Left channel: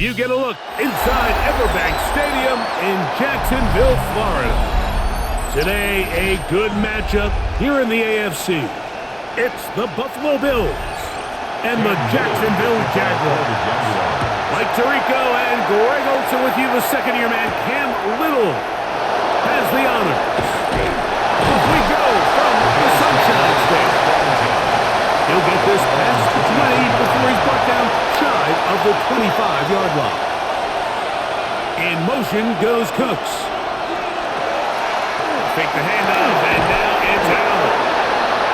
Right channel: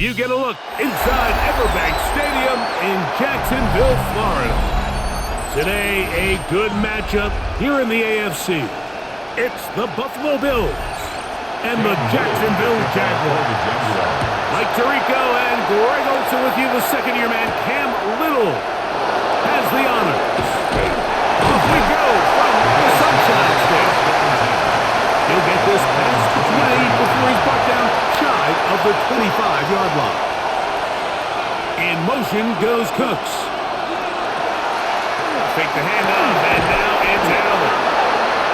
You get a look inside Everbank Stadium in Jacksonville, Florida. Today, a good matchup here in the AFC. It's the Buffalo Bills and the Jacksonville Jaguars. Mike Tirico and Greg Olsen with you. The second-year man, Cam Little, has the honors. Off we go from the Sunshine State. He'll get this past the 20 before he's brought down shy of the 25-yard line. In motion goes Cooks. Fake the handoff, and now it's Allen.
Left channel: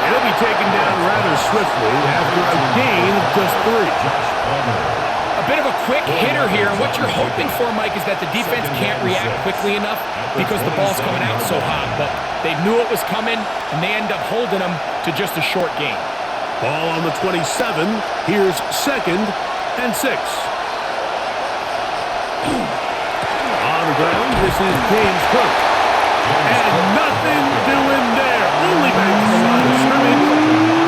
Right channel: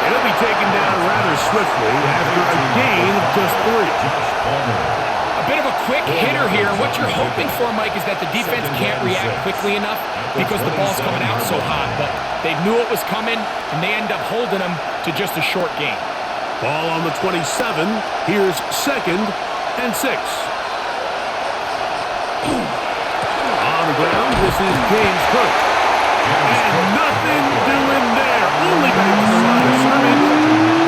He'll be taken down rather swiftly after a gain of just 3. A bit of a quick hitter here, and what you're hoping for, Mike, is that the defense can't react quickly enough because the ball's coming out so hot. But they knew it was coming, and they end up holding them to just a short gain. Ball on the 27. Here's 2nd and 6. On the ground, this is James Cook. And nothing doing there. Only back to the line of scrimmage.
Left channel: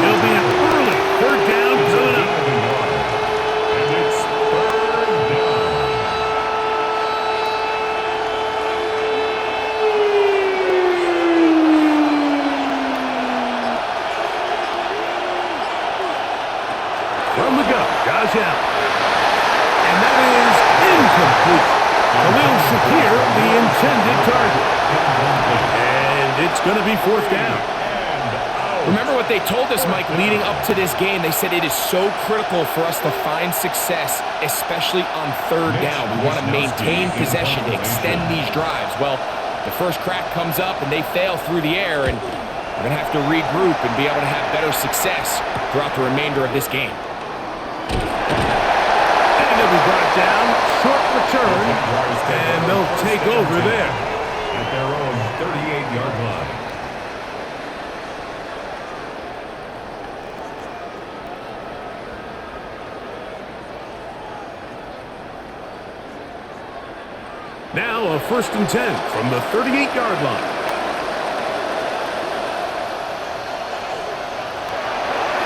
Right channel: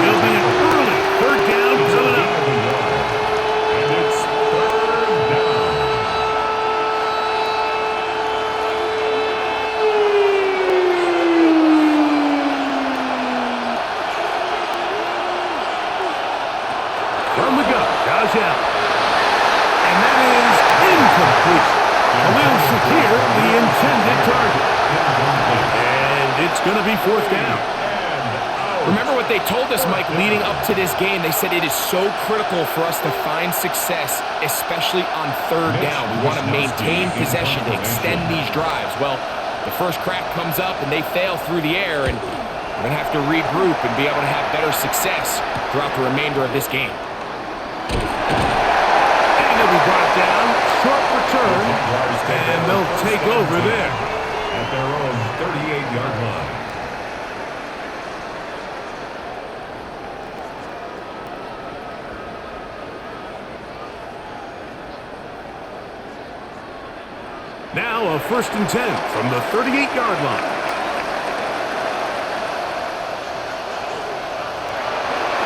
It'll be an early 3rd down coming up. And it's 3rd down. From the gun, Josh Allen. And that is incomplete. Khalil Shakir, the intended target. And it's going to be 4th down. Remember what they told us, Mike, leading up to this game. They said it is so critical for us to find success, especially on 3rd down. We want to maintain possession, extend these drives. Well, the first crack comes up and they fail through the air, and we're going to have to regroup and be able to have better success throughout the remainder of this game. And he'll be brought down, short return, and they'll take over there. At their own 38-yard line. Now a 1st and 10 from the 38-yard line.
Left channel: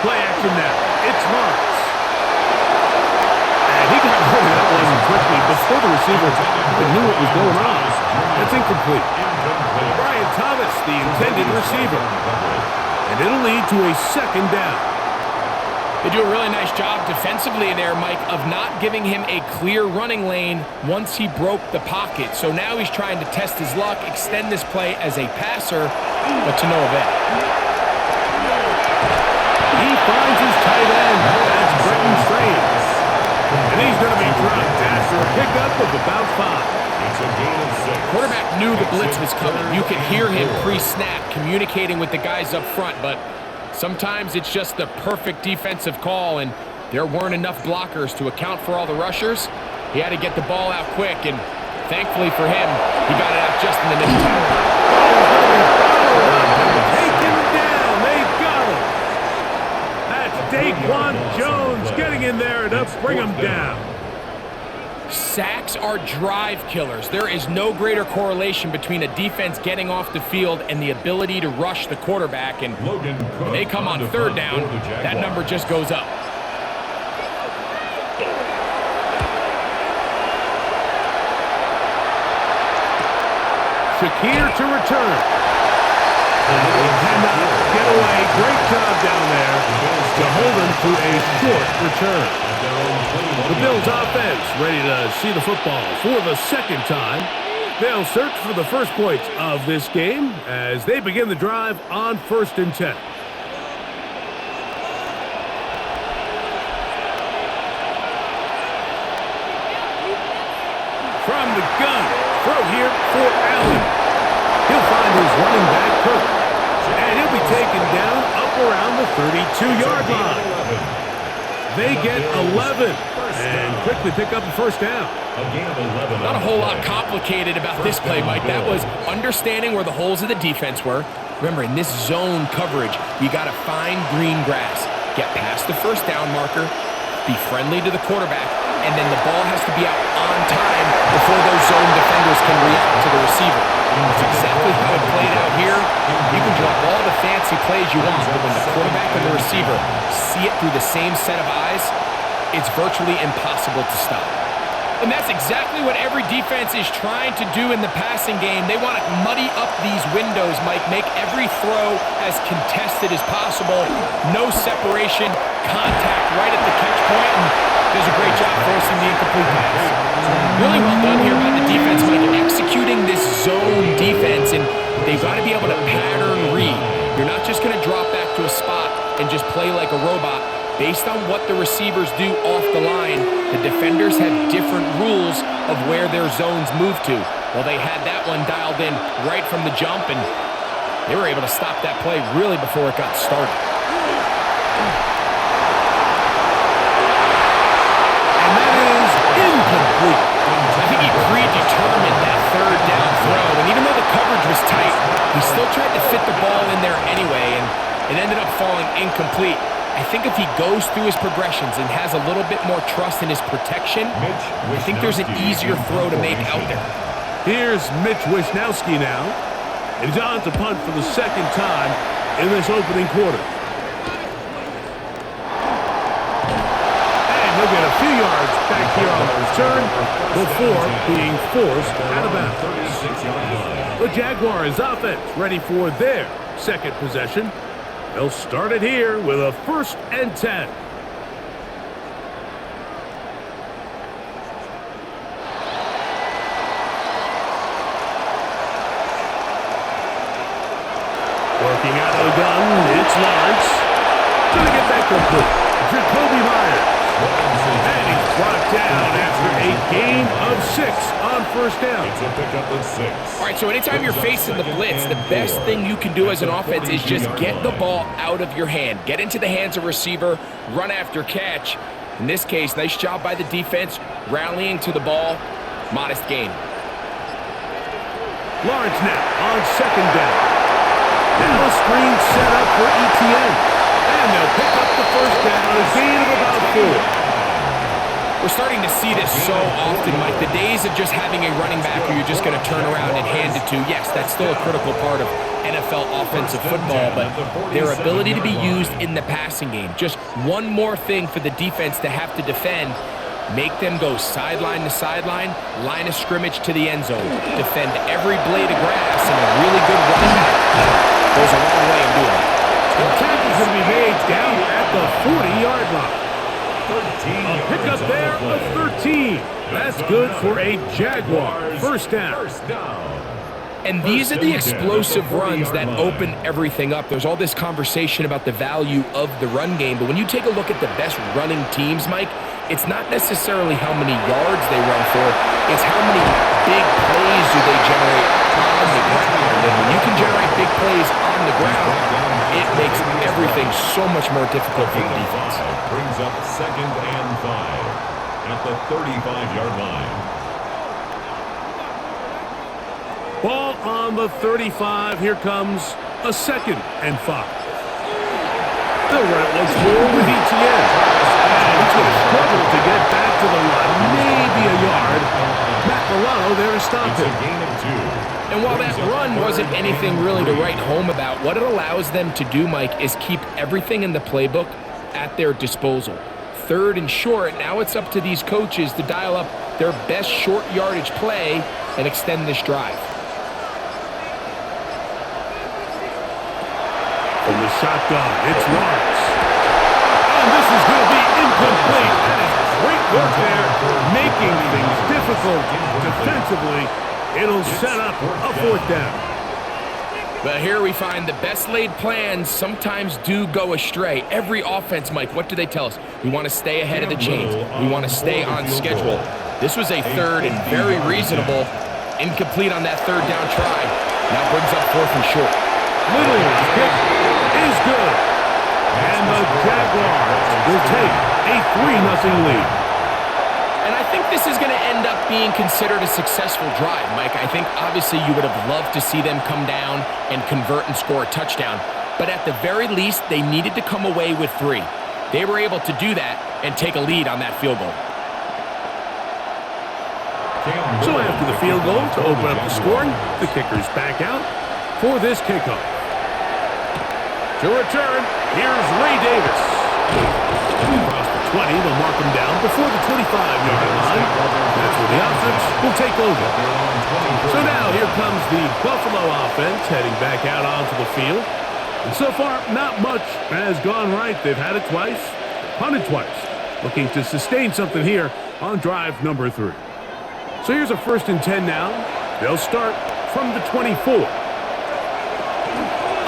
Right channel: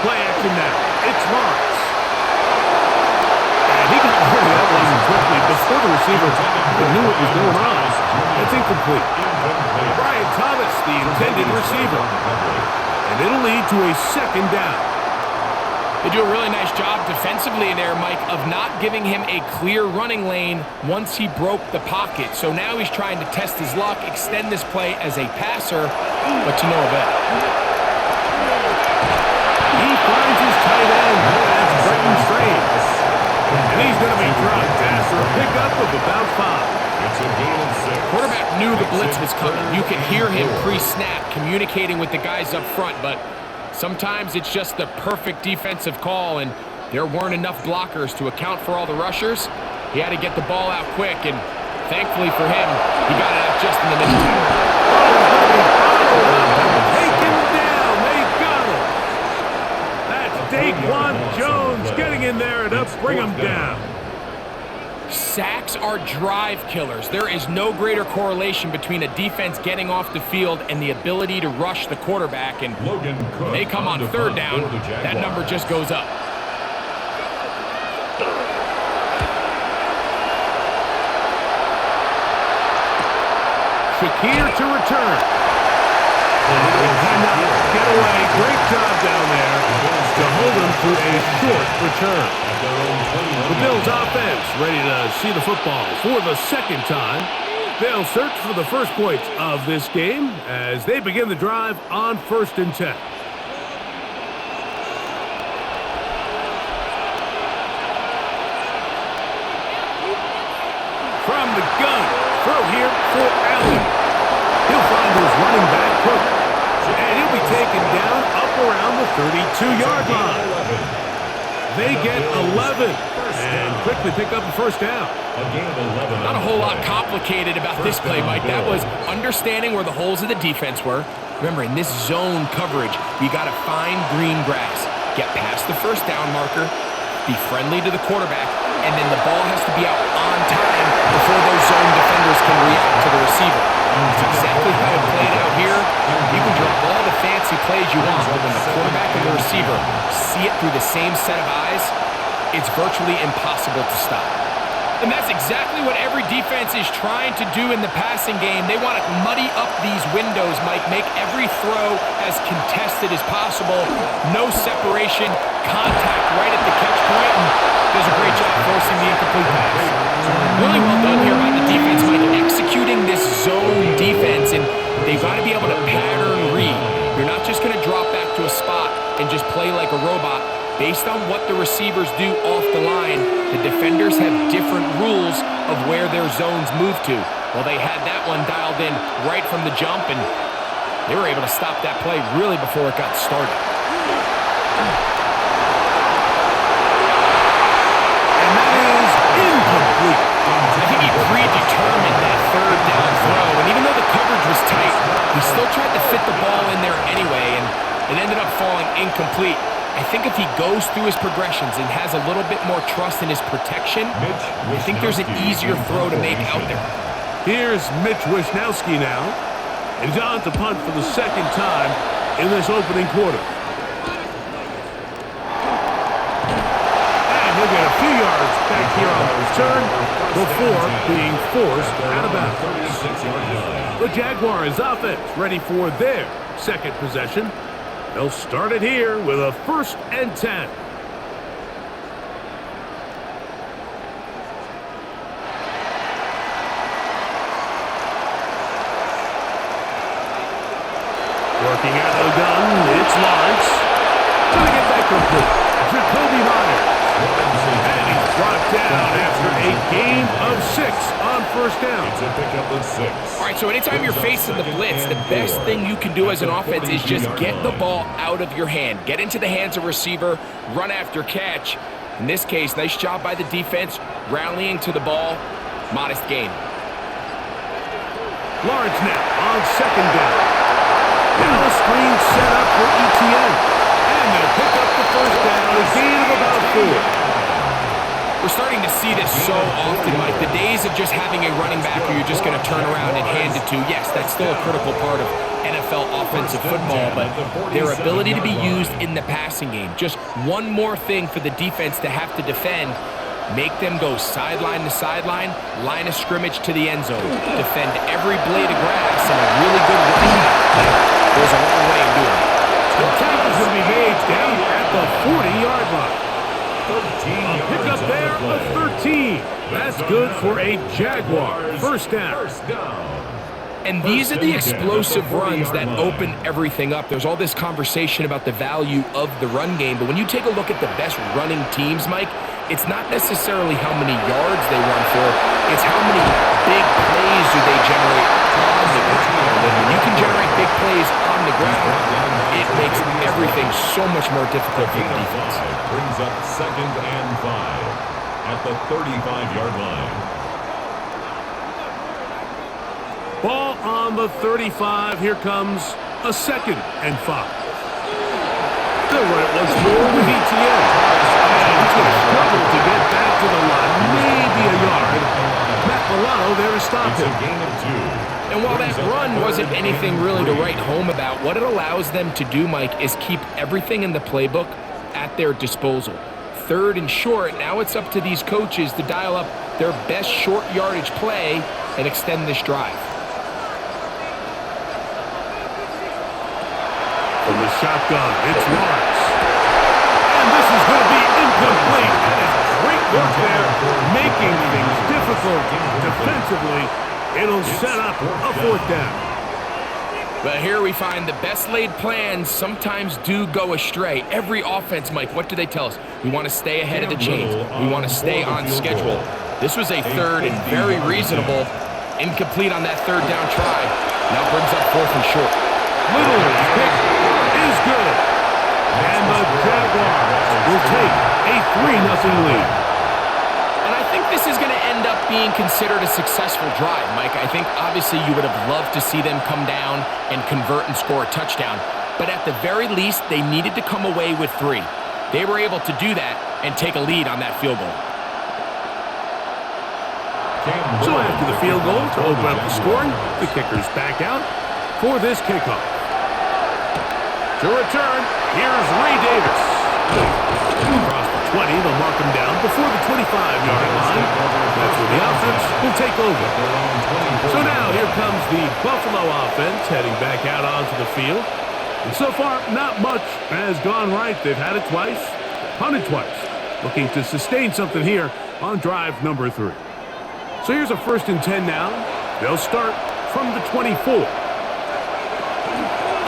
Play action now. It's Lawrence. And he got rid of that one quickly before the receiver even knew what was going on. That's incomplete. Brian Thomas, the intended receiver. And it'll lead to a 2nd down. They do a really nice job defensively there, Mike, of not giving him a clear running lane once he broke the pocket. So now he's trying to test his luck, extend this play as a passer, but to no avail. He finds his tight end. That's Brenton Strange. And he's going to be dropped after a pickup of about 5. It's a gain of 6. Quarterback knew the blitz was coming. You could hear him pre-snap communicating with the guys up front, but sometimes it's just the perfect defensive call, and there weren't enough blockers to account for all the rushers. He had to get the ball out quick, and thankfully for him, he got it out just in the nick of time. Oh, he's going to be bottled up and taken down. They got him. That's Daquan Jones getting in there to bring him down. Sacks are drive killers. There is no greater correlation between a defense getting off the field and the ability to rush the quarterback. And when they come on 3rd down, that number just goes up. Shakir to return. He cannot get away. Great job down there to hold him through a short return. The Bills offense ready to see the football for the 2nd time. They'll search for the first points of this game as they begin the drive on 1st and 10. From the gun, throw here for Allen. He'll find his running back, Cook, and he'll be taken down up around the 32-yard line. They get 11 and quickly pick up a 1st down. Not a whole lot complicated about this play, Mike. That was understanding where the holes of the defense were. Remember, in this zone coverage, you got to find green grass, get past the 1st down marker, be friendly to the quarterback, and then the ball has to be out on time before those zone defenders can react to the receiver. That's exactly how it played out here. You can draw up all the fancy plays you want, but when the quarterback and the receiver see it through the same set of eyes, it's virtually impossible to stop. And that's exactly what every defense is trying to do in the passing game. They want to muddy up these windows, Mike, make every throw as contested as possible. No separation, contact right at the catch point, and does a great job forcing the incomplete pass. Really well done here by the defense, Mike, executing this zone defense, and they've got to be able to pattern read. You're not just going to drop back to a spot and just play like a robot. Based on what the receivers do off the line, the defenders have different rules of where their zones move to. Well, they had that one dialed in right from the jump, and they were able to stop that play really before it got started. And that is incomplete. I think he predetermined that third down throw, and even though the coverage was tight, he still tried to fit the ball in there anyway, and it ended up falling incomplete. I think if he goes through his progressions and has a little bit more trust in his protection, I think there's an easier throw to make out there. Here's Mitch Wisnowski now. And he's on to punt for the second time in this opening quarter. And he'll get a few yards back here on the return before being forced out of bounds. The Jaguars offense ready for their second possession. They'll start it here with a 1st and 10. Working out of the gun, it's Lawrence. Gonna get that complete. Jacoby Myers. And he's brought down after a gain of 6 on 1st down. It's a pickup of 6. All right, so anytime you're facing the blitz, the best thing you can do as an offense is just get the ball out of your hand. Get into the hands of receiver, run after catch. In this case, nice job by the defense, rallying to the ball. Modest gain. Lawrence now on 2nd down. Now a screen set up for ETN. And they'll pick up the 1st down, a gain of about 4. We're starting to see this so often, Mike. The days of just having a running back who you're just going to turn around and hand it to, yes, that's still a critical part of NFL offensive football, but their ability to be used in the passing game. Just one more thing for the defense to have to defend. Make them go sideline to sideline, line of scrimmage to the end zone. Defend every blade of grass, and a really good running back goes a long way in doing that. The tackle's going to be made down at the 40-yard line. A pickup there of 13. That's good for a Jaguar 1st down. And these are the explosive runs that open everything up. There's all this conversation about the value of the run game, but when you take a look at the best running teams, Mike, it's not necessarily how many yards they run for, it's how many big plays do they generate on the ground. And when you can generate big plays on the ground, it makes everything so much more difficult for the defense. Brings up 2nd and 5 at the 35-yard line. Ball on the 35. Here comes a 2nd and 5. They'll run it once more with ETN. And he's going to struggle to get back to the line. Maybe a yard. Matt Milano there to stop him. It's a gain of 2. And while that run wasn't anything really to write home about, what it allows them to do, Mike, is keep everything in the playbook at their disposal. 3rd and short, now it's up to these coaches to dial up their best short yardage play and extend this drive. From the shotgun, it's Lawrence. And this is going to be incomplete. That is great work there, making things difficult defensively. It'll set up a 4th down. But here we find the best laid plans sometimes do go astray. Every offense, Mike, what do they tell us? We want to stay ahead of the chains. We want to stay on schedule. This was a 3rd and very reasonable. Incomplete on that 3rd down try. Now brings up 4th and short. Little's kick is good. And the Jaguars will take a 3-0 lead. And I think this is going to end up being considered a successful drive, Mike. I think obviously you would have loved to see them come down and convert and score a touchdown. But at the very least, they needed to come away with 3. They were able to do that and take a lead on that field goal. So after the field goal to open up the scoring, the kicker's back out for this kickoff. To return, here's Ray Davis. Across the 20, they'll mark him down before the 25-yard line. That's So the offense will take over. So now here comes the Buffalo offense heading back out onto the field. And so far, not much has gone right. They've had it twice, punted twice, looking to sustain something here on drive number 3. So here's a 1st and 10 now. They'll start from the 24.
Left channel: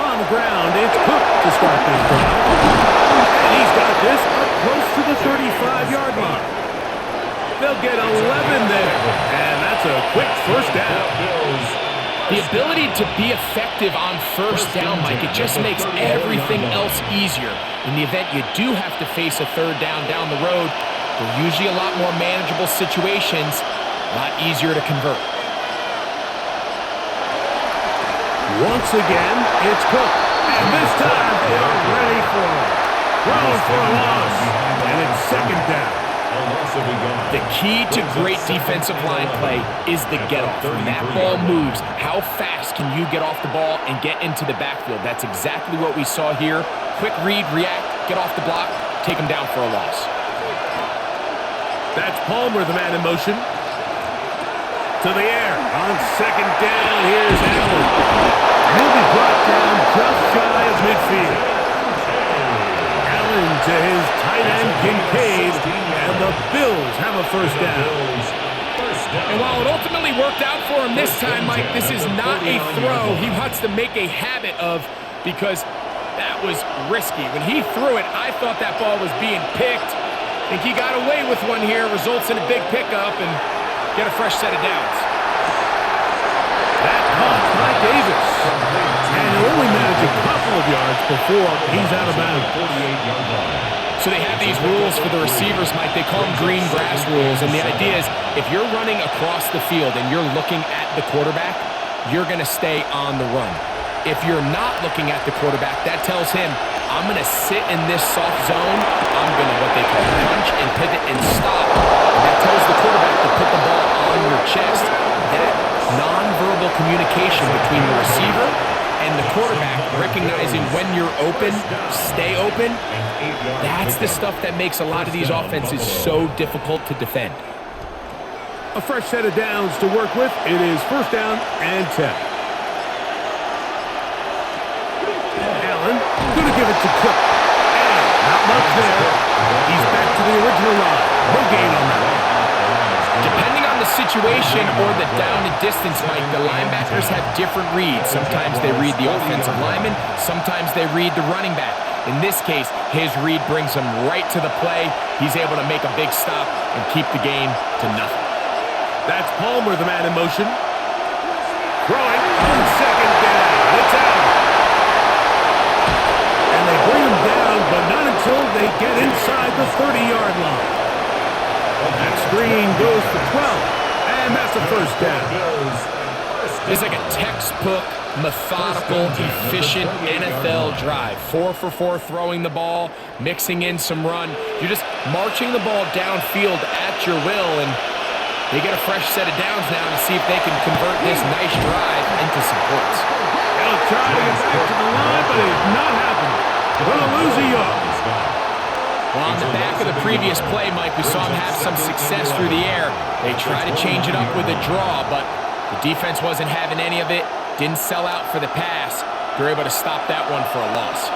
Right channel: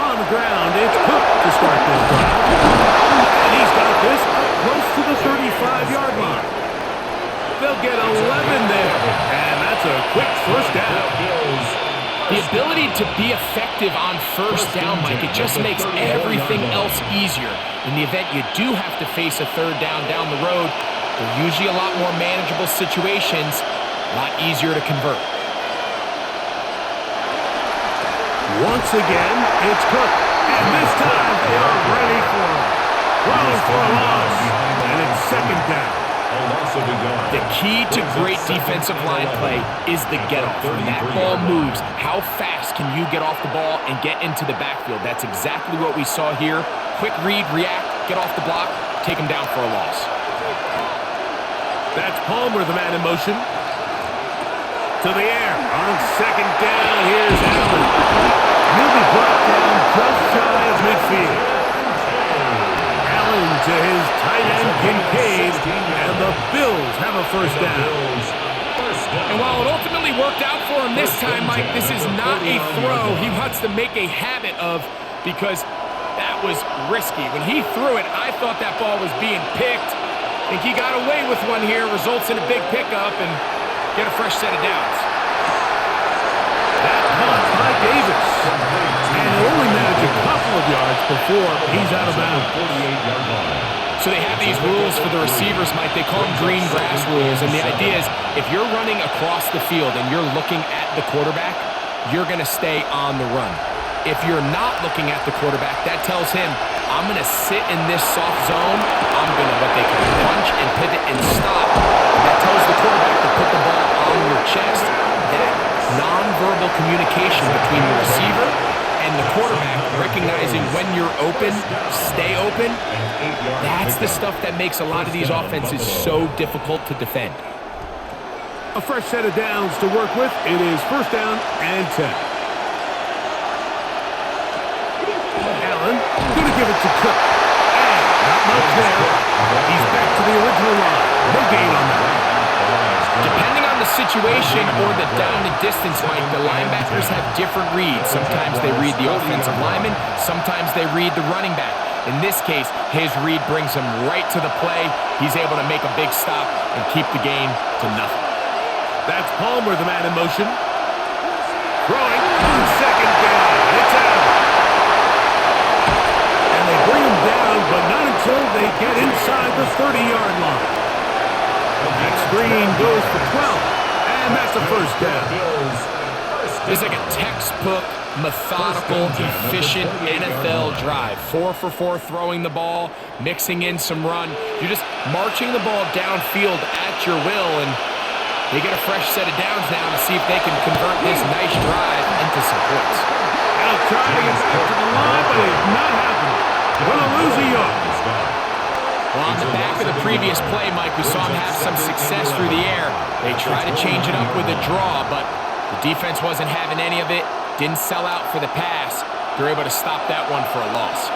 On the ground, it's Cook to start this drive. And he's got this up close to the 35-yard line. They'll get 11 there, and that's a quick first down. The ability to be effective on first down, Mike, it just makes everything else easier. In the event you do have to face a 3rd down the road, they're usually a lot more manageable situations, a lot easier to convert. Once again, it's Cook, and this time they are ready for him. Thrown for a loss, and it's 2nd down. The key to great defensive line play is the get-off. When that ball moves, how fast can you get off the ball and get into the backfield? That's exactly what we saw here. Quick read, react, get off the block, take him down for a loss. That's Palmer, the man in motion. To the air. On 2nd down, here's Allen. And he'll be brought down just shy of midfield. To his tight end, Kincaid, and the Bills have a 1st down. And while it ultimately worked out for him this time, Mike, this is not a throw he wants to make a habit of because that was risky. When he threw it, I thought that ball was being picked. I think he got away with one here, results in a big pickup and get a fresh set of downs. That caught by Davis. And he'll only manage a couple of yards before he's out of bounds. So they have these rules for the receivers, Mike. They call them green grass rules. And the idea is if you're running across the field and you're looking at the quarterback, you're going to stay on the run. If you're not looking at the quarterback, that tells him, I'm going to sit in this soft zone. I'm going to what they call punch and pivot and stop. And that tells the quarterback to put the ball on your chest. That nonverbal communication between the receiver and the quarterback, recognizing when you're open, stay open, that's the stuff that makes a lot of these offenses so difficult to defend. A fresh set of downs to work with. It is 1st down and 10. Allen going to give it to Cook. And not much there. He's back to the original line. No gain on that one. Depending on the situation or the down and distance, Mike, the linebackers have different reads. Sometimes they read the offensive lineman. Sometimes they read the running back. In this case, his read brings him right to the play. He's able to make a big stop and keep the game to nothing. That's Palmer, the man in motion. Throwing on 2nd down. It's out. And they bring him down, but not until they get inside the 30-yard line. That screen goes for 12, and that's a 1st down. It's like a textbook, methodical, efficient NFL drive. 4 for 4 throwing the ball, mixing in some run. You're just marching the ball downfield at your will, and they get a fresh set of downs now to see if they can convert this nice drive into some points. He'll try to get back to the line, but it's not happening. Going to lose a yard. Well, on the back of the previous play, Mike, we saw him have some success through the air. They tried to change it up with a draw, but the defense wasn't having any of it. Didn't sell out for the pass. They're able to stop that one for a loss.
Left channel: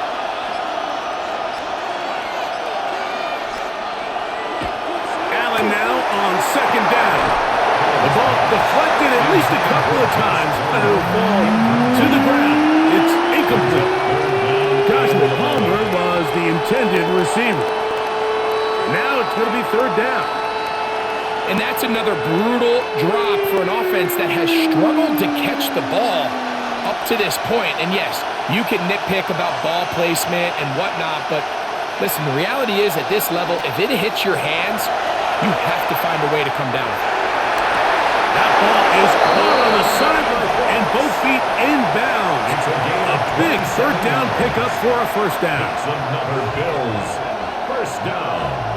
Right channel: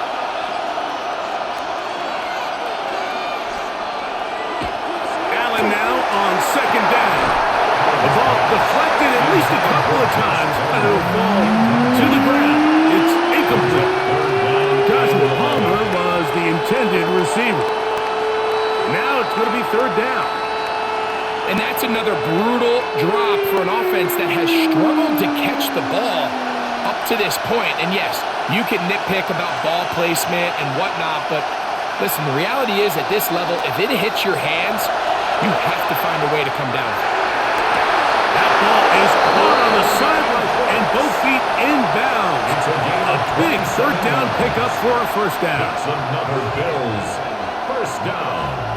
Allen now on 2nd down. The ball deflected at least a couple of times, but it'll fall to the ground. It's incomplete. Joshua Palmer was the intended receiver. Now it's going to be 3rd down. And that's another brutal drop for an offense that has struggled to catch the ball up to this point. And yes, you can nitpick about ball placement and whatnot, but listen, the reality is at this level, if it hits your hands, you have to find a way to come down with it. That ball is caught on the sideline and both feet inbounds. A big 3rd down pickup for a 1st down. That's another Bills 1st down.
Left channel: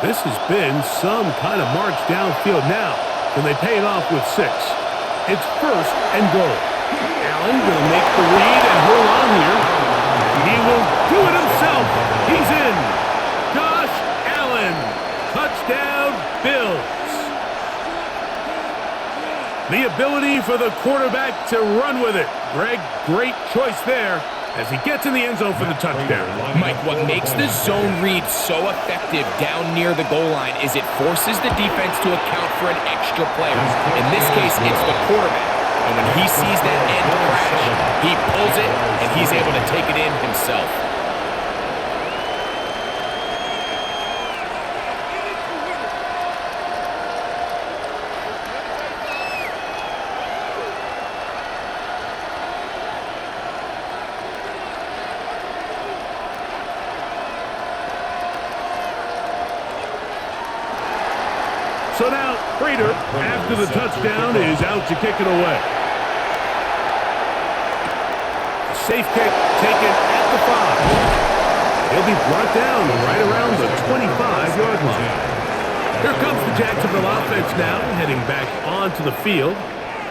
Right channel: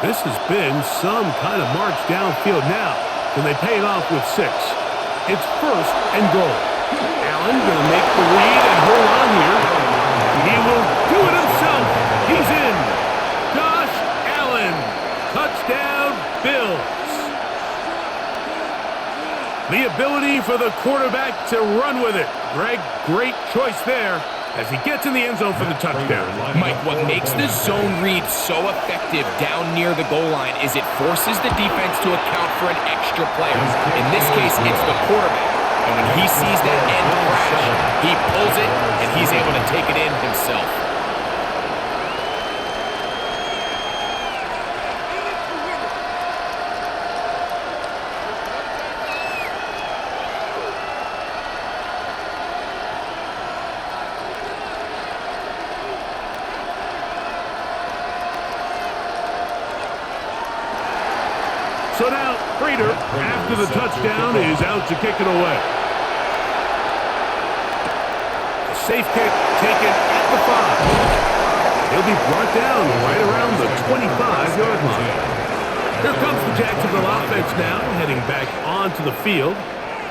This has been some kind of march downfield now. Can they pay it off with 6? It's 1st and goal. Allen going to make the read and hold on here. And he will do it himself. He's in. Josh Allen. Touchdown, Bills. The ability for the quarterback to run with it. Greg, great choice there as he gets in the end zone for the touchdown. Mike, what makes the zone read so effective down near the goal line is it forces the defense to account for an extra player. In this case, it's the quarterback. And when he sees that end crash, he pulls it, and he's able to take it in himself. So now, Prater, after the touchdown, is out to kick it away. A safe kick taken at the 5. He'll be brought down right around the 25-yard line. Here comes the Jacksonville offense now, heading back onto the field.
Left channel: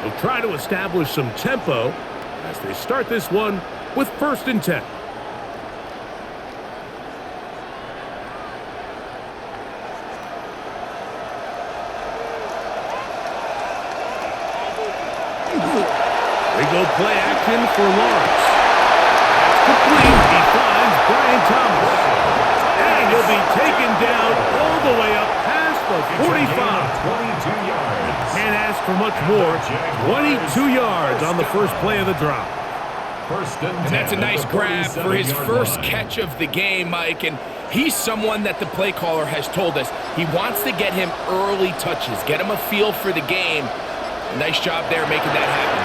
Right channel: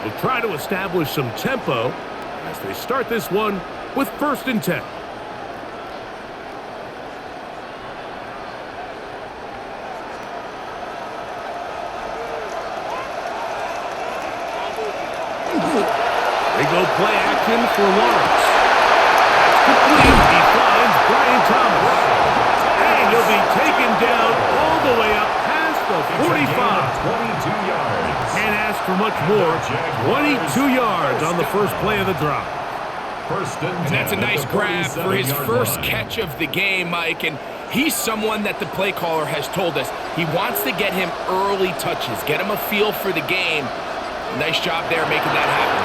They'll try to establish some tempo as they start this one with 1st and 10. They go play action for Lawrence. That's complete. He finds Brian Thomas. And he'll be taken down all the way up past the 45. 22 yards. Can't ask for much more. 22 yards on the first play of the drive. And that's a nice grab for his first catch of the game, Mike. And he's someone that the play caller has told us he wants to get him early touches, get him a feel for the game. Nice job there making that happen.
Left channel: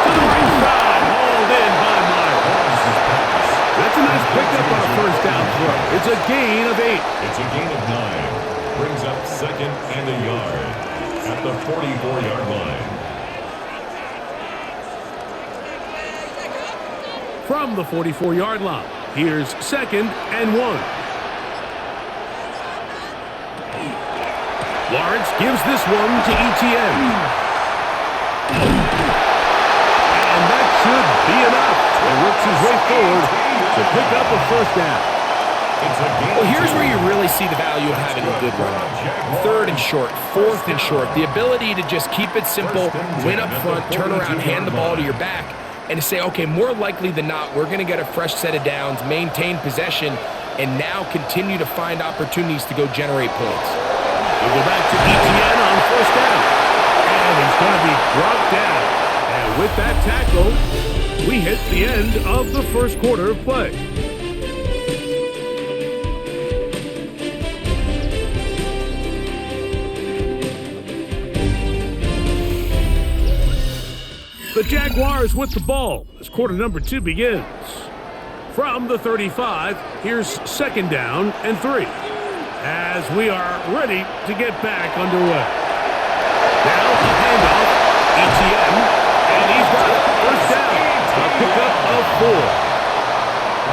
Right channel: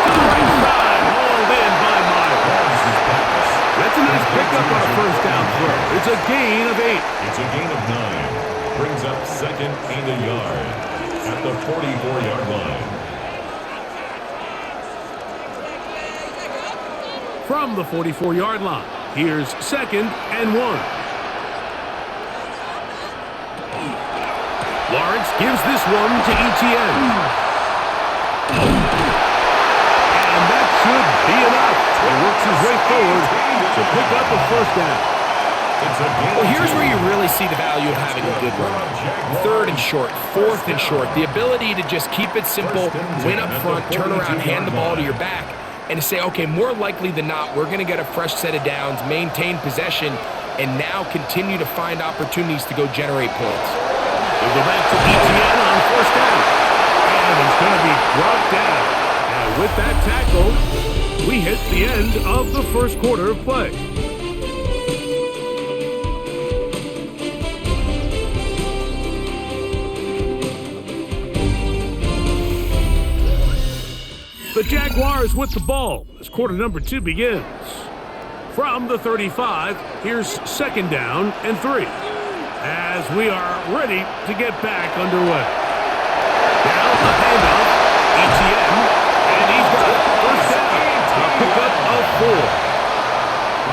To the right side, hauled in by Myers. That's a nice pickup on a 1st down throw. It's a gain of 8. It's a gain of 9. Brings up 2nd and a yard at the 44-yard line. From the 44-yard line, here's 2nd and 1. Lawrence gives this one to Etienne. And that should be enough. He works his way forward to pick up a 1st down. Well, here's where you really see the value of having a good run. 3rd and short, 4th and short. The ability to just keep it simple, win up front, turn around, hand the ball to your back, and to say, okay, more likely than not, we're going to get a fresh set of downs, maintain possession, and now continue to find opportunities to go generate points. We'll go back to Etienne on 1st down. And he's going to be brought down. And with that tackle, we hit the end of the 1st quarter of play. The Jaguars with the ball as quarter number 2 begins. From the 35, here's 2nd down and 3. As we are ready to get back underway. Now a handoff, Etienne, and he's got it. 1st down, a pickup of 4.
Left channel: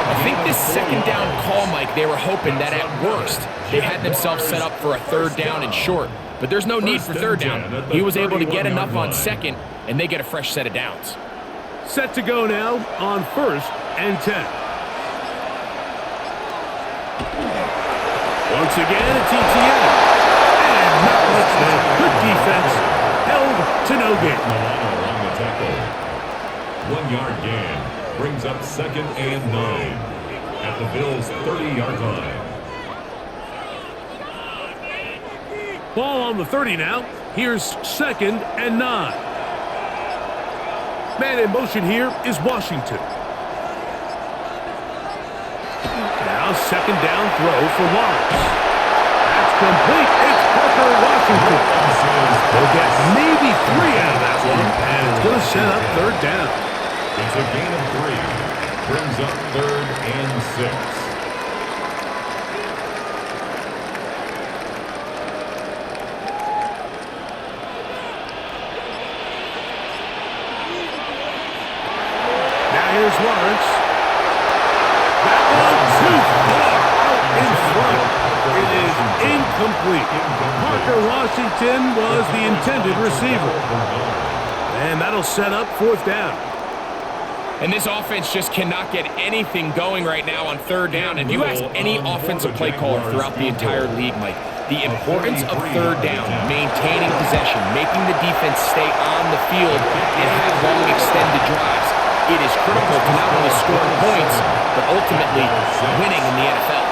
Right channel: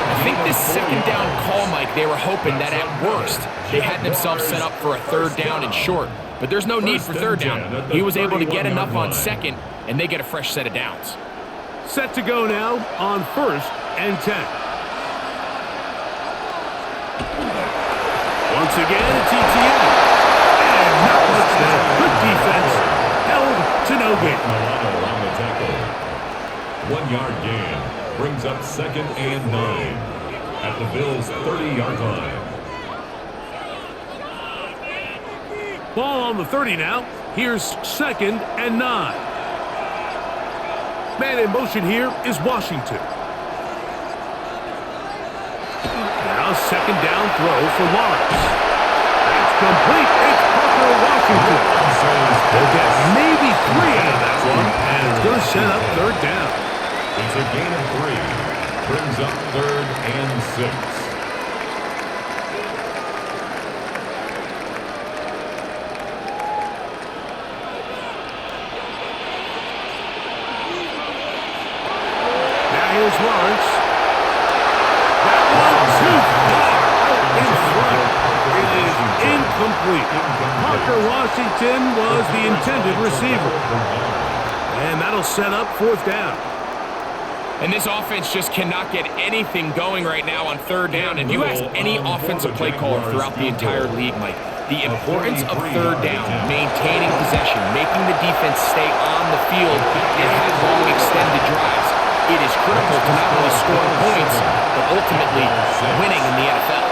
I think this 2nd down call, Mike, they were hoping that at worst they had themselves set up for a 3rd down and short. But there's no need for 3rd down. He was able to get enough on 2nd, and they get a fresh set of downs. Set to go now on 1st and 10. Once again, it's Etienne. And not much there. Good defense. Held to no gain. Milano on the tackle. 1-yard gain. Brings up 2nd and 9 at the Bills' 30-yard line. Ball on the 30 now. Here's 2nd and 9. Man in motion here is Washington. Now 2nd down throw for Lawrence. That's complete. It's Parker Washington. He'll get maybe 3 out of that one, and it's going to set up 3rd down. It's a gain of 3. Brings up 3rd and 6. Now here's Lawrence. That one too far out in front. incomplete. Parker Washington was the intended receiver. And that'll set up fourth down. And this offense just cannot get anything going right now on third down. And you ask any offensive play caller throughout the entire league, Mike, the importance of third down, maintaining possession, making the defense stay on the field and have long extended drives. It is critical to not only scoring points, but ultimately winning in the NFL.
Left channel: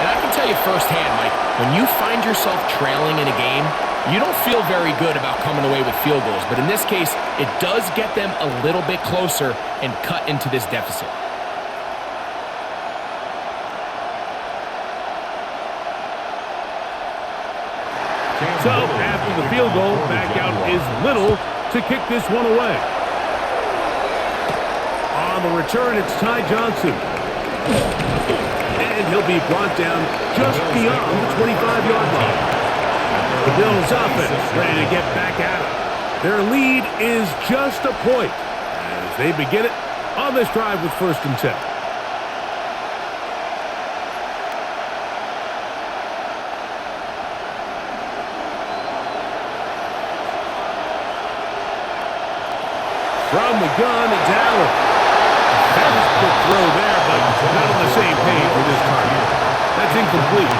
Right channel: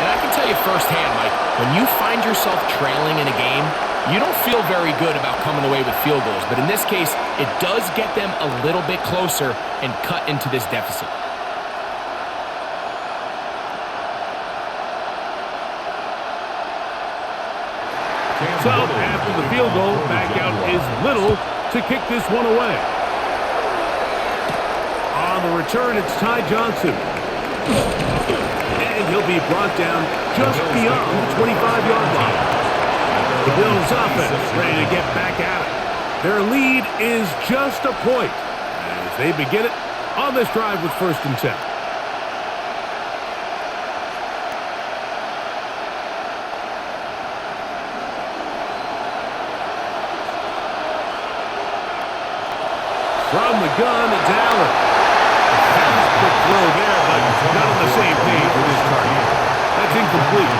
And I can tell you firsthand, Mike, when you find yourself trailing in a game, you don't feel very good about coming away with field goals. But in this case, it does get them a little bit closer and cut into this deficit. So, after the field goal, back out is Little to kick this one away. On the return, it's Ty Johnson. And he'll be brought down just beyond the 25-yard line. The Bills offense ready to get back at it. Their lead is just a point as they begin it on this drive with 1st and 10. From the gun, it's Allen. A very quick throw there, but not on the same page with his target. That's incomplete.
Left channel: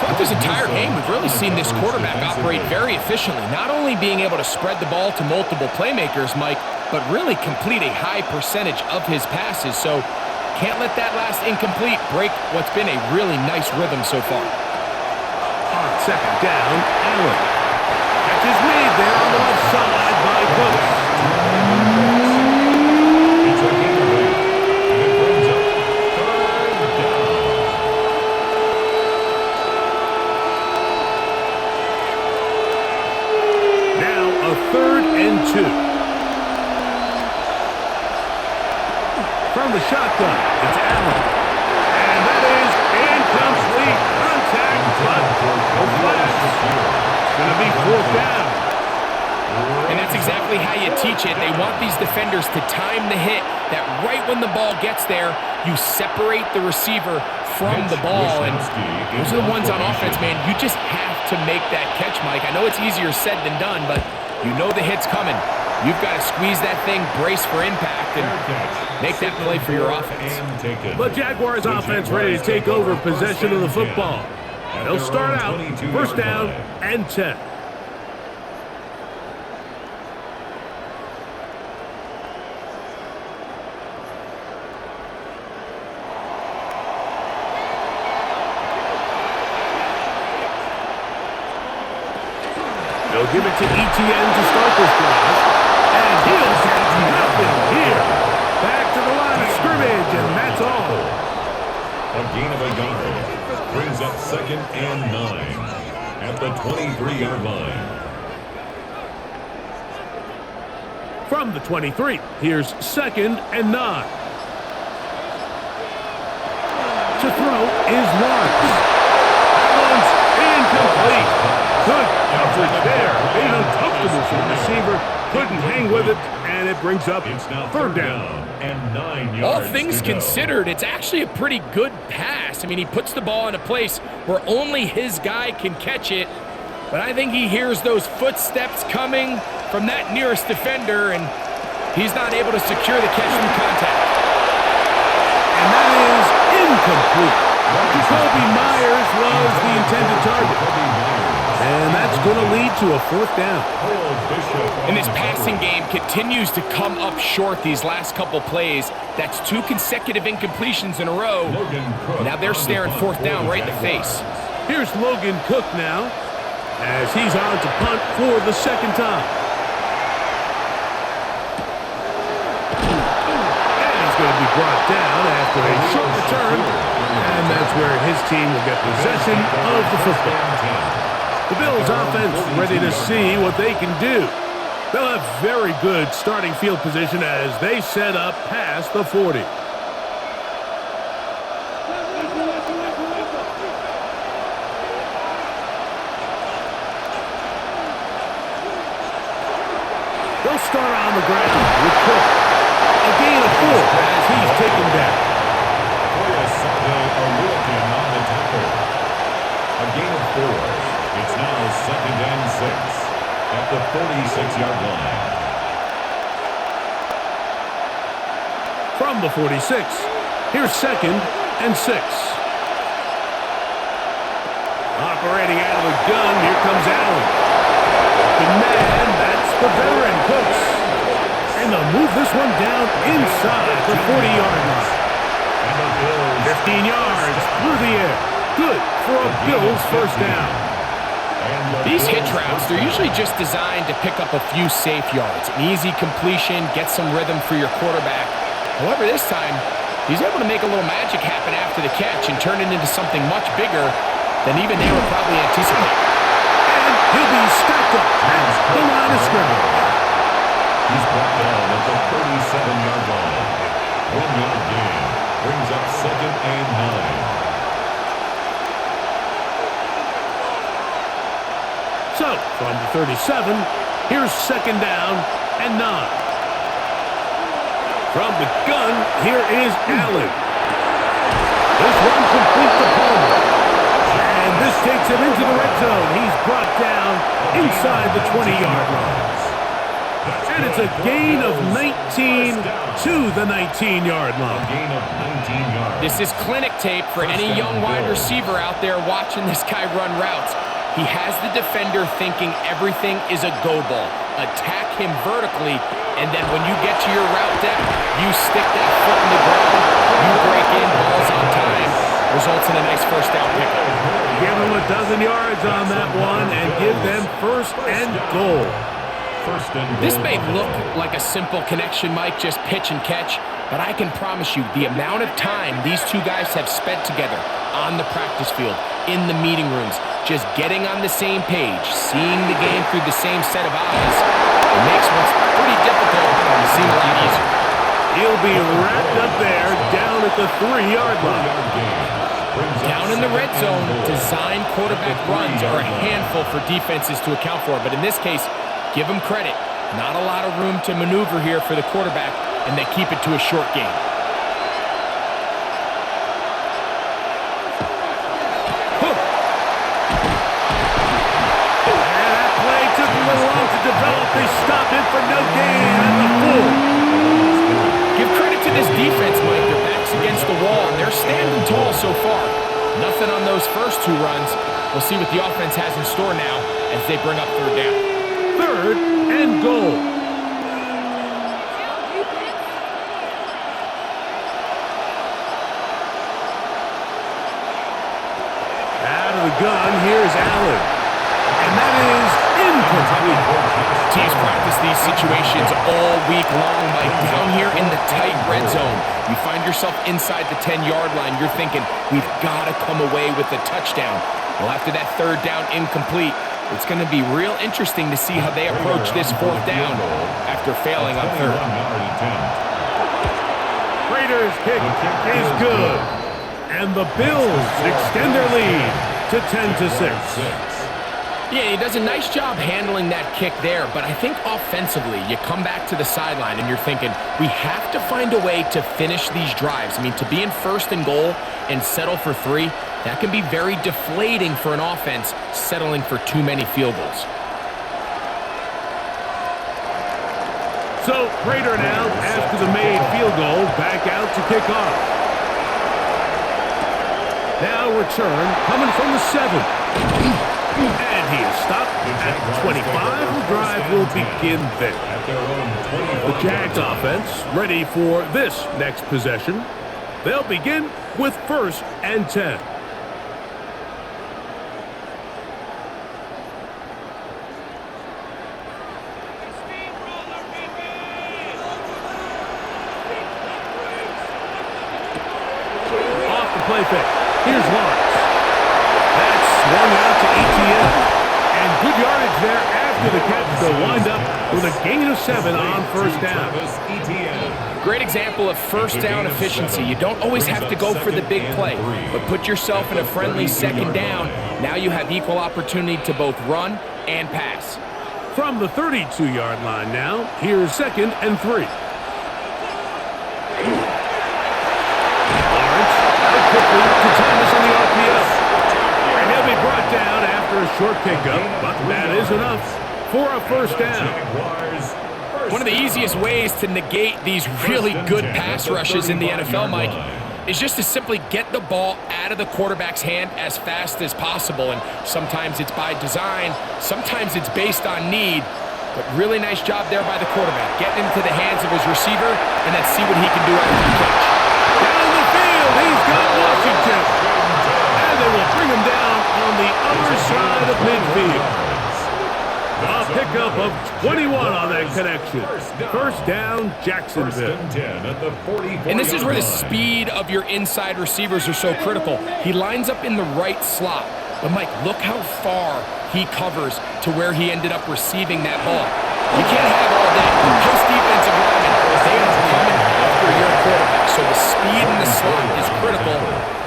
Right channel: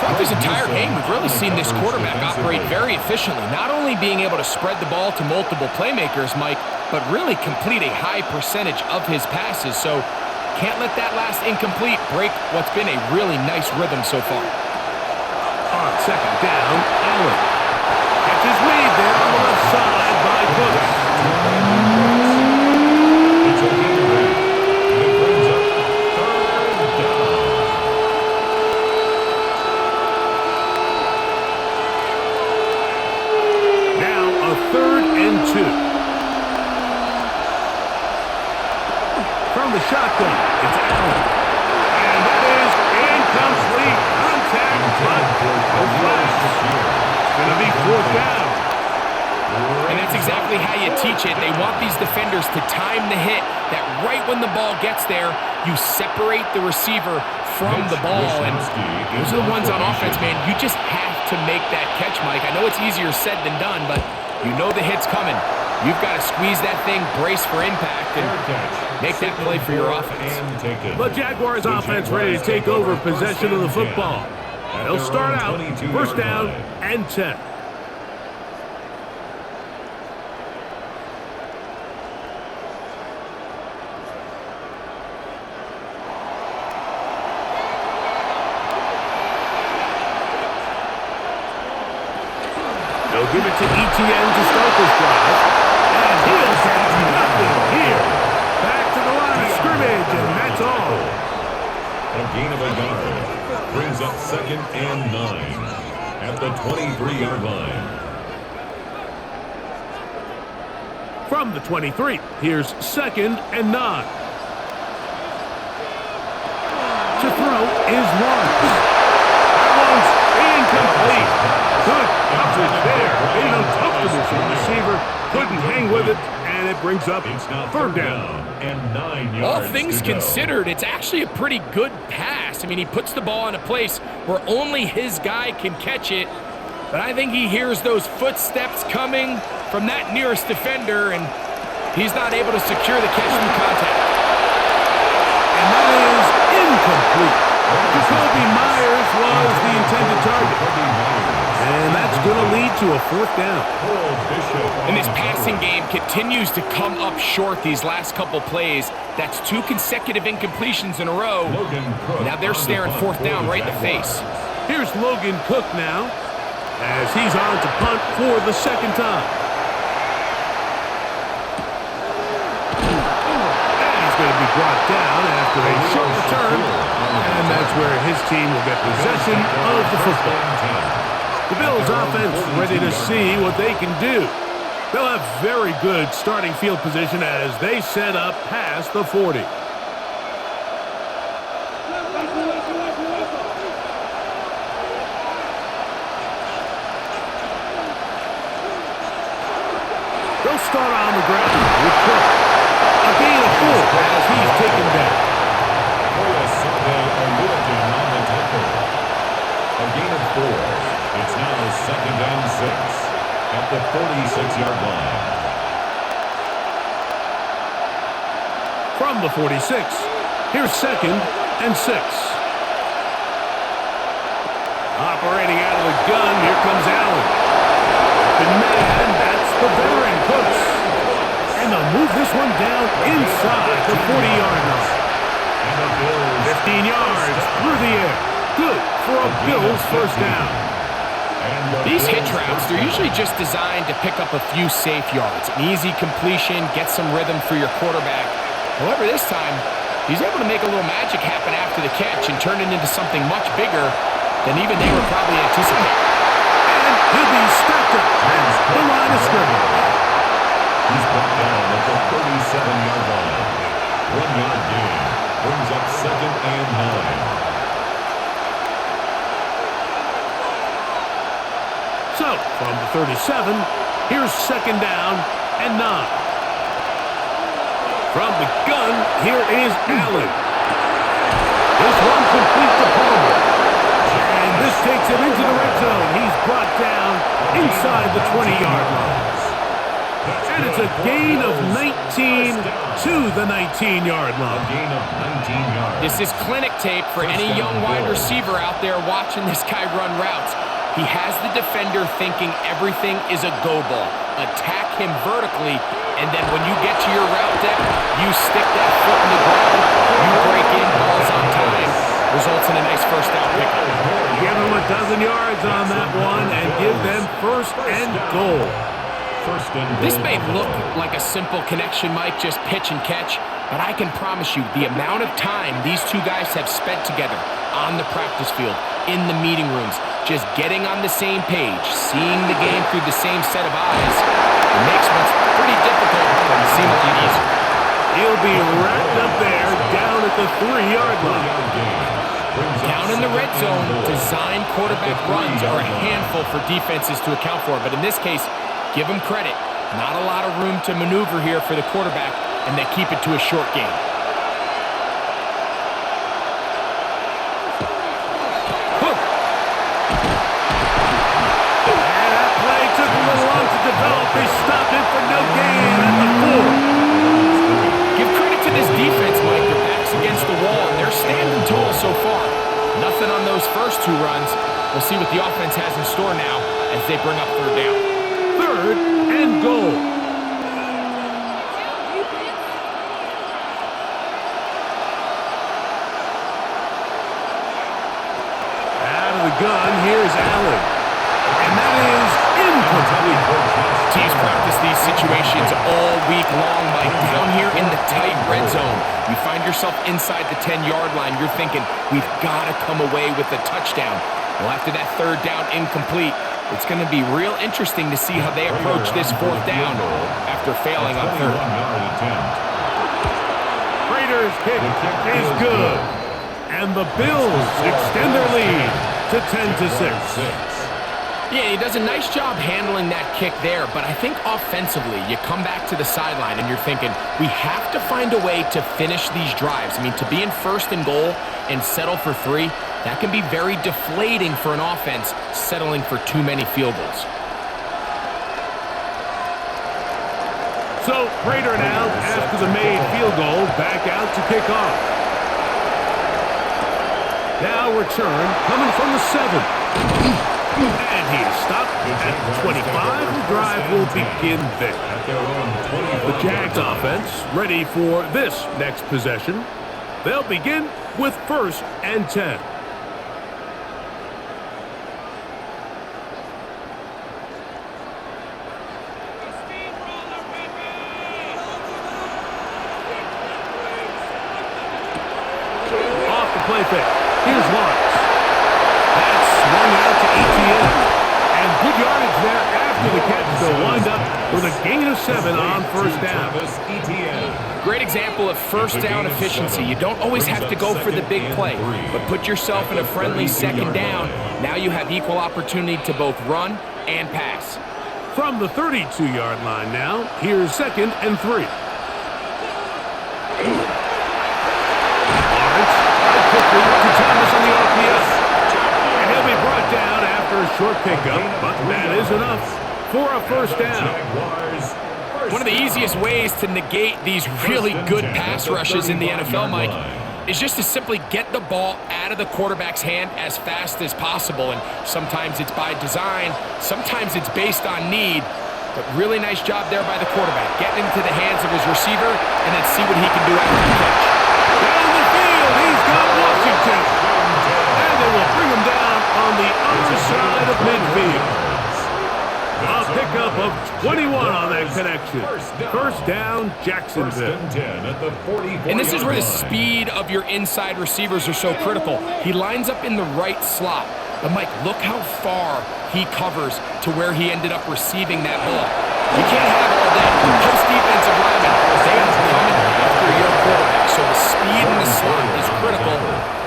Throughout this entire game, we've really seen this quarterback operate very efficiently, not only being able to spread the ball to multiple playmakers, Mike, but really complete a high percentage of his passes. So can't let that last incomplete break what's been a really nice rhythm so far. On 2nd down, Allen. Catch is made there on the left side by Cooks. It's a gain of 8, and it brings up 3rd down. Now a 3rd and 2. From the shotgun, it's Allen. And that is incomplete. Contact, but no flags. It's going to be 4th down. And that's exactly how you teach it. They want these defenders to time the hit, that right when the ball gets there, you separate the receiver from the ball. And those are the ones on offense, man. You just have to make that catch, Mike. I know it's easier said than done, but you know the hit's coming. You've got to squeeze that thing, brace for impact, and make that play for your offense. The Jaguars offense ready to take over possession of the football. They'll start out 1st down and 10. They'll give it to Etienne to start this drive. And he'll get nothing here. Back to the line of scrimmage, and that's all. A gain of a yard brings up 2nd and 9 at the 23-yard line. From the 23, here's 2nd and 9. To throw is Lawrence. That one's incomplete. Good coverage there. Made it uncomfortable for the receiver. Couldn't hang with it, and it brings up 3rd down. And 9 yards. All things considered, it's actually a pretty good pass. I mean, he puts the ball in a place where only his guy can catch it. But I think he hears those footsteps coming from that nearest defender, and he's not able to secure the catch through contact. And that is incomplete. Jacoby Myers was the intended target. And that's going to lead to a 4th down. And this passing game continues to come up short these last couple plays. That's 2 consecutive incompletions in a row. Now they're staring 4th down right in the face. Here's Logan Cook now, as he's on to punt for the 2nd time. And he's going to be brought down after a short return. And that's where his team will get possession of the football. The Bills offense ready to see what they can do. They'll have very good starting field position as they set up past the 40. They'll start on the ground with Cook. A gain of 4 as he's taken down. Oyasade Oluokun on the tackle. A gain of 4. It's now 2nd and 6 at the 46-yard line. From the 46, here's 2nd and 6. Operating out of the gun, here comes Allen. Open man, that's the veteran Cooks. And they'll move this one down inside the 40-yard line. 15 yards through the air. Good for a Bills first down. These hitch routes, they're usually just designed to pick up a few safe yards. An easy completion, get some rhythm for your quarterback. However, this time, he's able to make a little magic happen after the catch and turn it into something much bigger than even they were probably anticipating. And he'll be stacked up at the line of scrimmage. He's brought down at the 37-yard line. 1-yard gain brings up 2nd and 9. So, from the 37, here's 2nd down and 9. From the gun, here is Allen. This one complete to Palmer. And this takes him into the red zone. He's brought down inside the 20-yard line. And it's a gain of 19 to the 19-yard line. A gain of 19 yards. This is clinic tape for any young wide receiver out there watching this guy run routes. He has the defender thinking everything is a go ball. Attack him vertically, and then when you get to your route depth, you stick that foot in the ground, you break in, balls on time, results in a nice first down pickup. Give them a dozen yards on that one and give them first and goal. This may look like a simple connection, Mike, just pitch and catch, but I can promise you the amount of time these two guys have spent together on the practice field, in the meeting rooms, just getting on the same page, seeing the game through the same set of eyes, it makes what's pretty difficult seem a lot easier. He'll be wrapped up there down at the 3-yard line. Down in the red zone, design quarterback runs are a handful for defenses to account for, but in this case, give them credit. Not a lot of room to maneuver here for the quarterback, and they keep it to a short game. Hook. And that play took a little long to develop. They stopped it for no gain at the 4. Give credit to this defense, Mike. Their back's against the wall, and they're standing tall so far. Nothing on those first 2 runs. We'll see what the offense has in store now as they bring up 3rd down. 3rd and goal. Out of the gun, here's Allen. And that is incomplete. Teams practice these situations all week long, Mike. Down here in the tight red zone, you find yourself inside the 10-yard line. You're thinking, we've got to come away with a touchdown. Well, after that 3rd down incomplete, it's going to be real interesting to see how they approach this 4th down after failing on 3rd. Raiders' kick is good. And the Bills extend their lead to 10-6. Yeah, he does a nice job handling that kick there, but I think offensively, you come back to the sideline and you're thinking, we have to find a way to finish these drives. I mean, to be in 1st and goal and settle for 3, that can be very deflating for an offense settling for too many field goals. So, Raider now, after the made field goal, back out to kick off. Now return coming from the 7. And he is stopped at 25. The drive will begin there. The Jags offense ready for this next possession. They'll begin with 1st and 10. Off the play fake. Here's Lawrence. That's swung out to ETN. And good yardage there after the catch. They'll wind up with a gain of 7 on 1st down. Great example of 1st down efficiency. You don't always have to go for the big play, but put yourself in a friendly 2nd down. Now you have equal opportunity to both run and pass. From the 32-yard line now, here's 2nd and 3. Lawrence out quickly to Thomas on the RPO. And he'll be brought down after a short pickup, but that is enough for a first down. One of the easiest ways to negate these really good pass rushes in the NFL, Mike, is just to simply get the ball out of the quarterback's hand as fast as possible. And sometimes it's by design, sometimes it's based on need. But really nice job there by the quarterback, getting into the hands of his receiver and then see what he can do after the catch. Down the field, he's got Washington. And they will bring him down on the other side of midfield. A pickup of 21 on that connection. First down, Jacksonville. And this is where the speed of your inside receivers are so critical. He lines up in the right slot. But, Mike, look how far he covers to where he ended up receiving that ball. You can't have all day. Those defensive linemen, they are coming after your quarterback. So the speed in the slot is critical.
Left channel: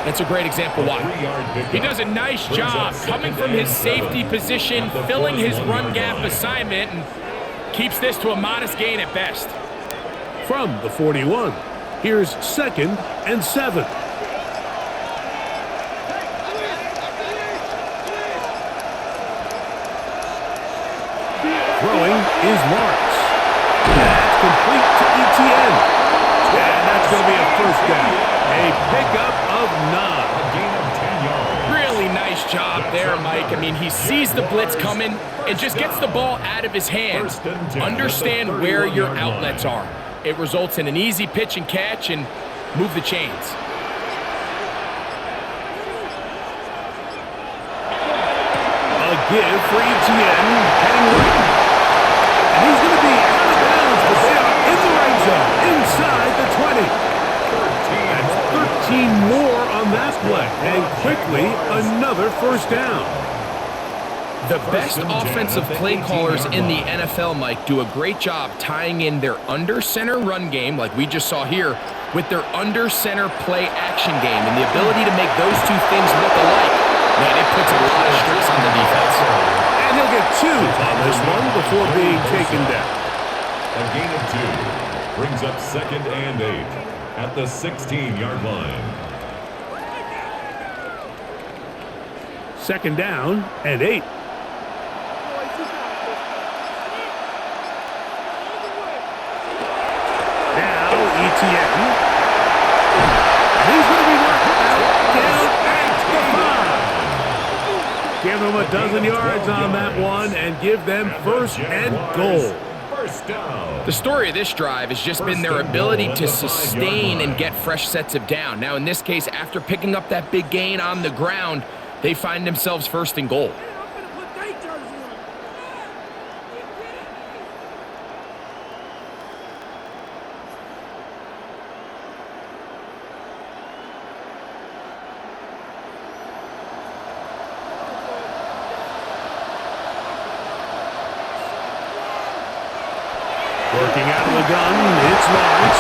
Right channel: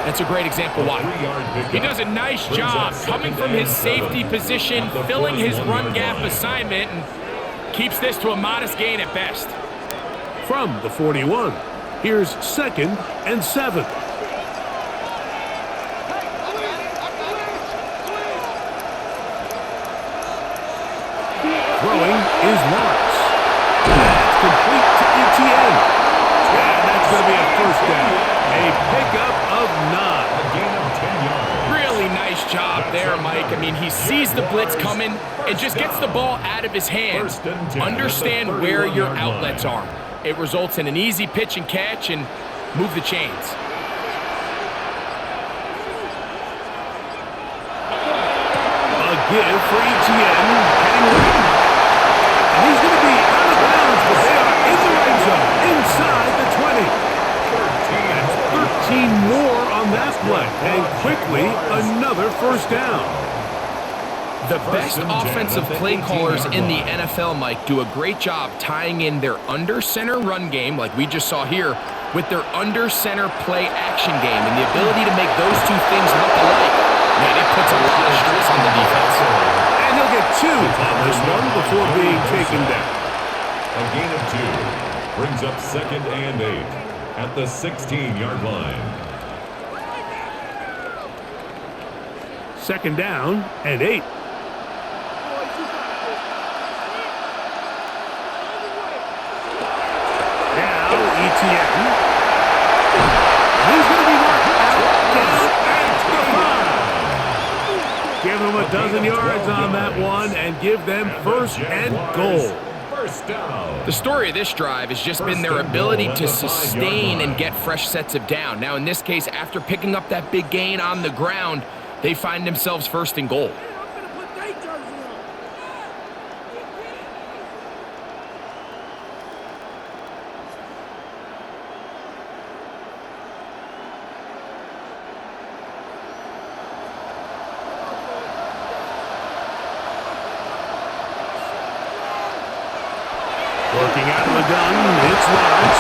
That's a great example why. He does a nice job coming from his safety position, filling his run gap assignment, and keeps this to a modest gain at best. From the 41, here's 2nd and 7. Throwing is Lawrence. That's complete to Etienne. And that's going to be a first down. A pickup of 9. A gain of 10 yards. Really nice job there, Mike. I mean, he sees the blitz coming and just gets the ball out of his hands. Understand where your outlets are. It results in an easy pitch and catch and move the chains. A give for Etienne, heading right. And he's going to be out of bounds, but they are in the red zone, inside the 20. That's 13 more on that play. And quickly, another first down. The best offensive play callers in the NFL, Mike, do a great job tying in their under-center run game, like we just saw here, with their under-center play action game. And the ability to make those two things look alike, man, it puts a lot of stress on the defense. And he'll get 2 on this one before being taken down. A gain of 2 brings up 2nd and 8 at the 16-yard line. 2nd down and 8. Now Etienne. And he's going to be marked out, down at the 5. Give them a dozen yards on that one and give them first and goal. The story of this drive has just been their ability to sustain and get fresh sets of down. Now, in this case, after picking up that big gain on the ground, they find themselves first and goal. Working out of the gun, it's Lawrence.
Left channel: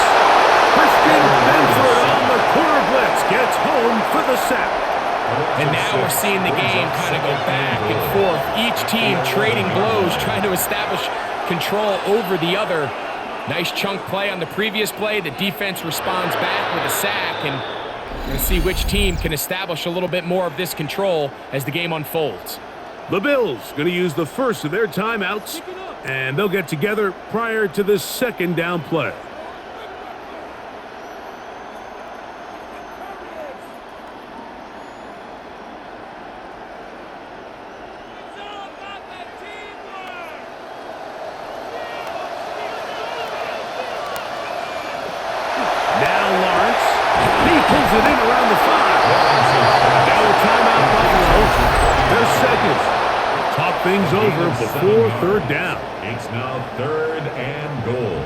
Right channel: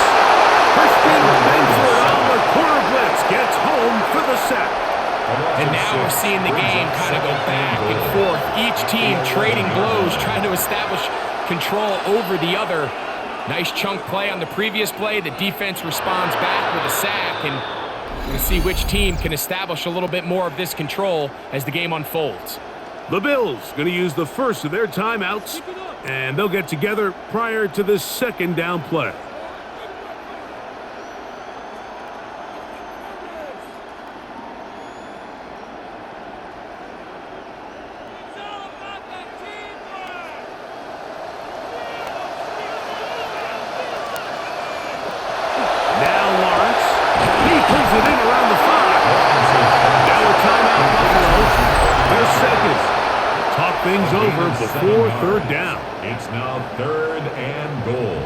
Christian Benford on the corner blitz gets home for the sack. And now we're seeing the game kind of go back and forth. Each team trading blows, trying to establish control over the other. Nice chunk play on the previous play. The defense responds back with a sack, and we're going to see which team can establish a little bit more of this control as the game unfolds. The Bills going to use the first of their timeouts, and they'll get together prior to this 2nd down play. Now Lawrence, he pulls it in around the 5. Now a timeout Buffalo, their 2nd. Talk things over before 3rd down. It's now 3rd and goal.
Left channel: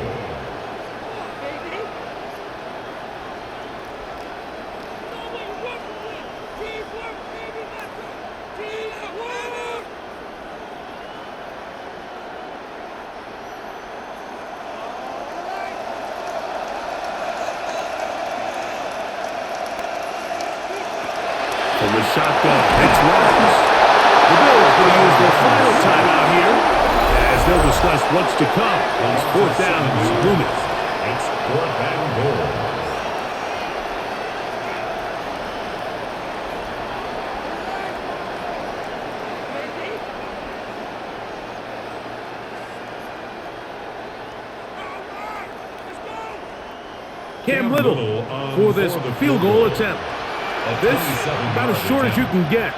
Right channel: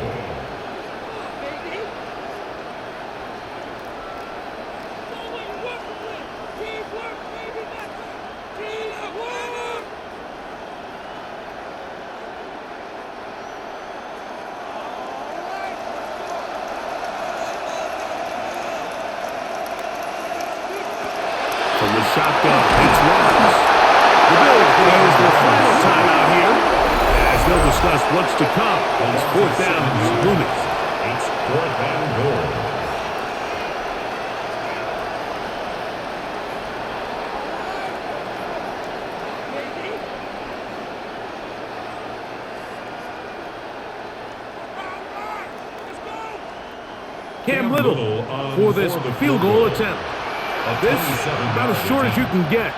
From the shotgun, it's Lawrence. The Bills going to use their final timeout here as they'll discuss what's to come. It's 4th down is looming. It's 4th and goal. Cam Little for this field goal attempt. This about as short as you can get.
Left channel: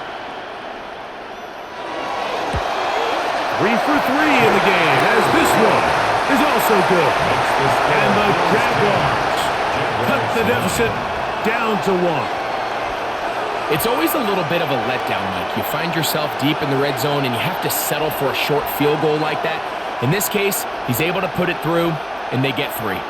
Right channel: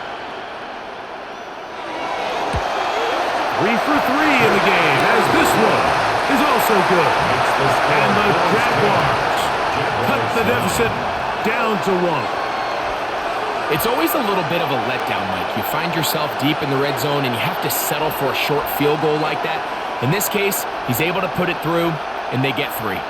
3 for 3 in the game, as this one is also good. And the Jaguars cut the deficit down to 1. It's always a little bit of a letdown, Mike. You find yourself deep in the red zone and you have to settle for a short field goal like that. In this case, he's able to put it through, and they get 3.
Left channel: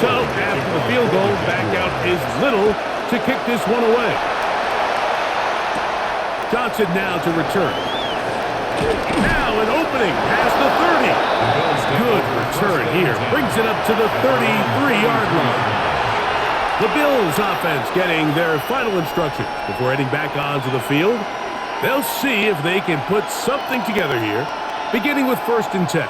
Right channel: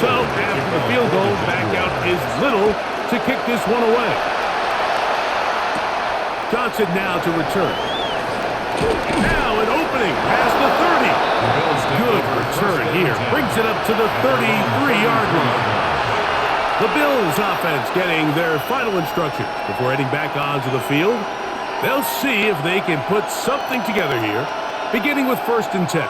So, after the field goal, back out is Little to kick this one away. Johnson now to return. Now an opening past the 30. Good return here. Brings it up to the 33-yard line. The Bills offense getting their final instructions before heading back onto the field. They'll see if they can put something together here, beginning with 1st and 10.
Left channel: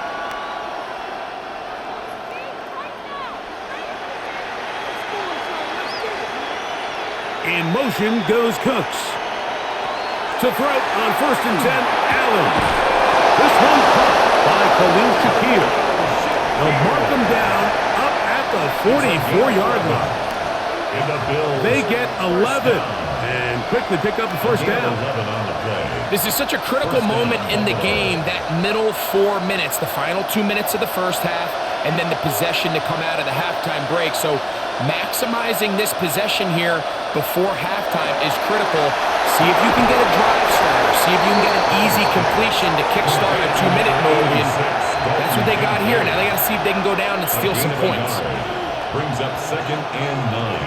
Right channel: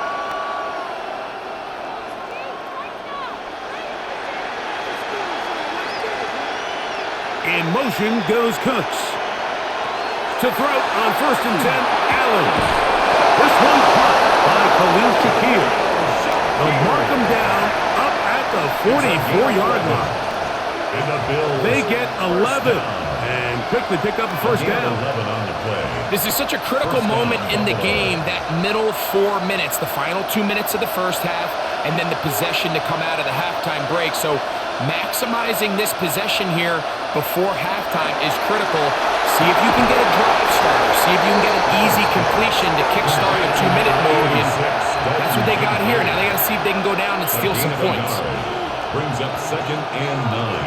In motion goes Cooks. To throw on 1st and 10, Allen. This one caught by Khalil Shakir. They'll mark him down up at the 44-yard line. They get 11 and quickly pick up the first down. This is such a critical moment in the game, that middle 4 minutes, the final 2 minutes of the first half, and then the possession to come out of the halftime break. So maximizing this possession here before halftime is critical. See if you can get a drive starter. See if you can get an easy completion to kickstart a 2-minute mode. And that's what they got here. Now they got to see if they can go down and steal some points. Brings up 2nd and 9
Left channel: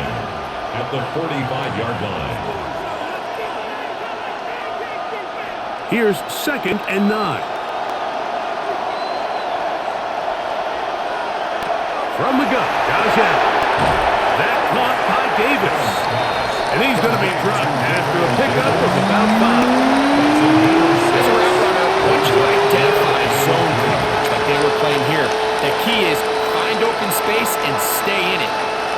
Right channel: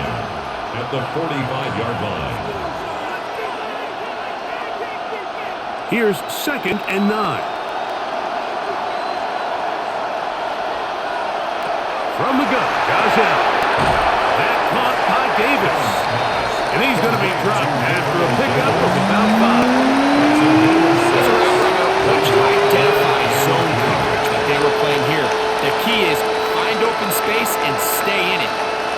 at the 45-yard line. Here's 2nd and 9. From the gun, Josh Allen. That caught by Davis. And he's going to be dropped after a pickup of about 5. As a route runner, once you identify zone coverage like they were playing here, the key is find open space and stay in it.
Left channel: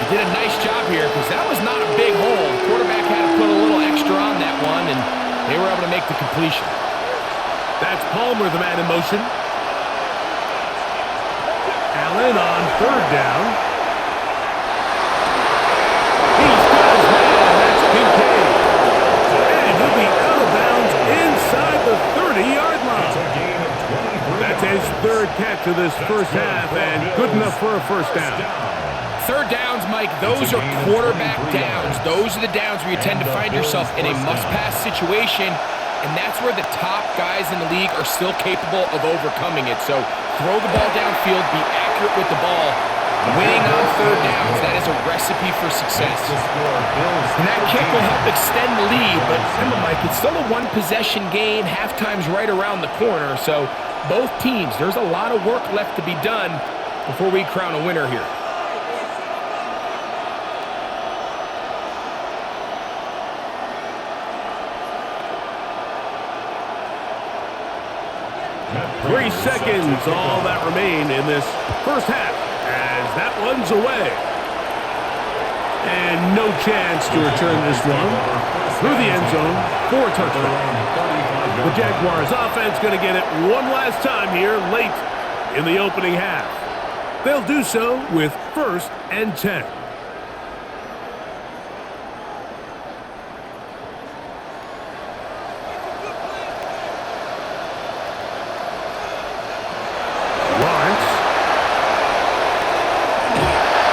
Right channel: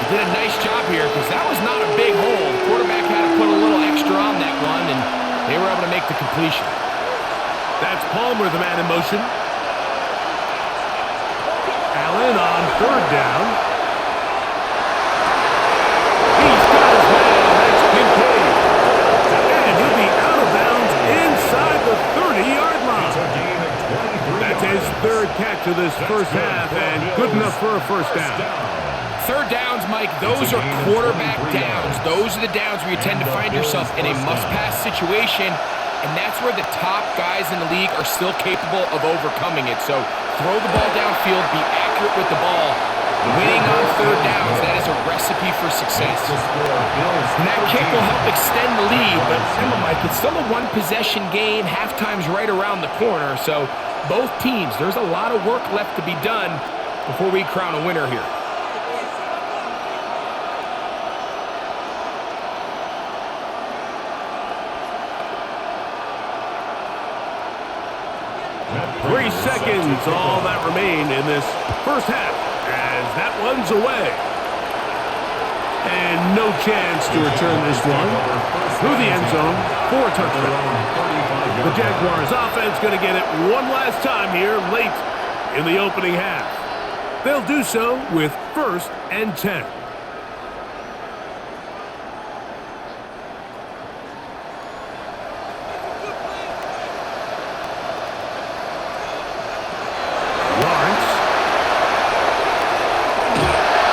He did a nice job here because that was not a big hole. The quarterback had to put a little extra on that one, and they were able to make the completion. That's Palmer, the man in motion. Allen on 3rd down. He's got his man. That's Kincaid. And he'll be out of bounds inside the 30-yard line. That's his 3rd catch of this first half, and good enough for a first down. 3rd downs, Mike, those are quarterback downs. Those are the downs where you tend to find yourself in a must-pass situation, and that's where the top guys in the league are still capable of overcoming it. So throw the ball downfield, be accurate with the ball. Winning on 3rd downs, that is a recipe for success. And that kick will help extend the lead. But remember, Mike, it's still a 1-possession game. Halftime's right around the corner. So both teams, there's a lot of work left to be done before we crown a winner here. Three seconds, all that remain in this first half, as that one's away. And no chance to return this one through the end zone for a touchdown. The Jaguars offense going to get it one last time here late in the opening half. They'll do so with 1st and 10.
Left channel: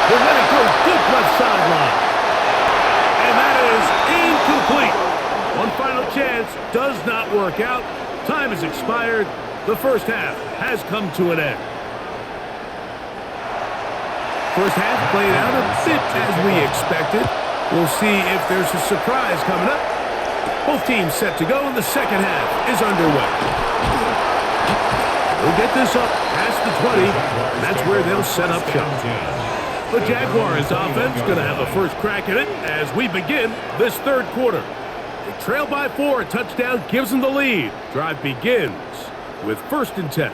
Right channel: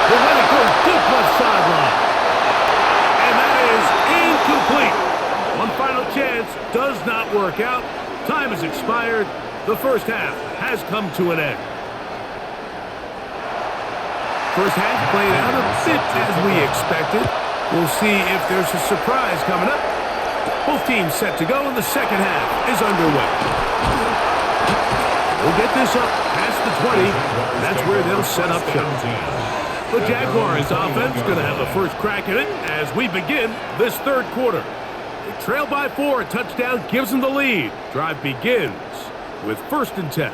He'll let it go deep left sideline. And that is incomplete. One final chance does not work out. Time has expired. The first half has come to an end. First half played out a bit as we expected. We'll see if there's a surprise coming up. Both teams set to go, and the second half is underway. They'll get this up past the 20, and that's where they'll set up shop. The Jaguars offense going to have a first crack at it as we begin this 3rd quarter. They trail by 4, a touchdown gives them the lead. Drive begins with 1st and 10.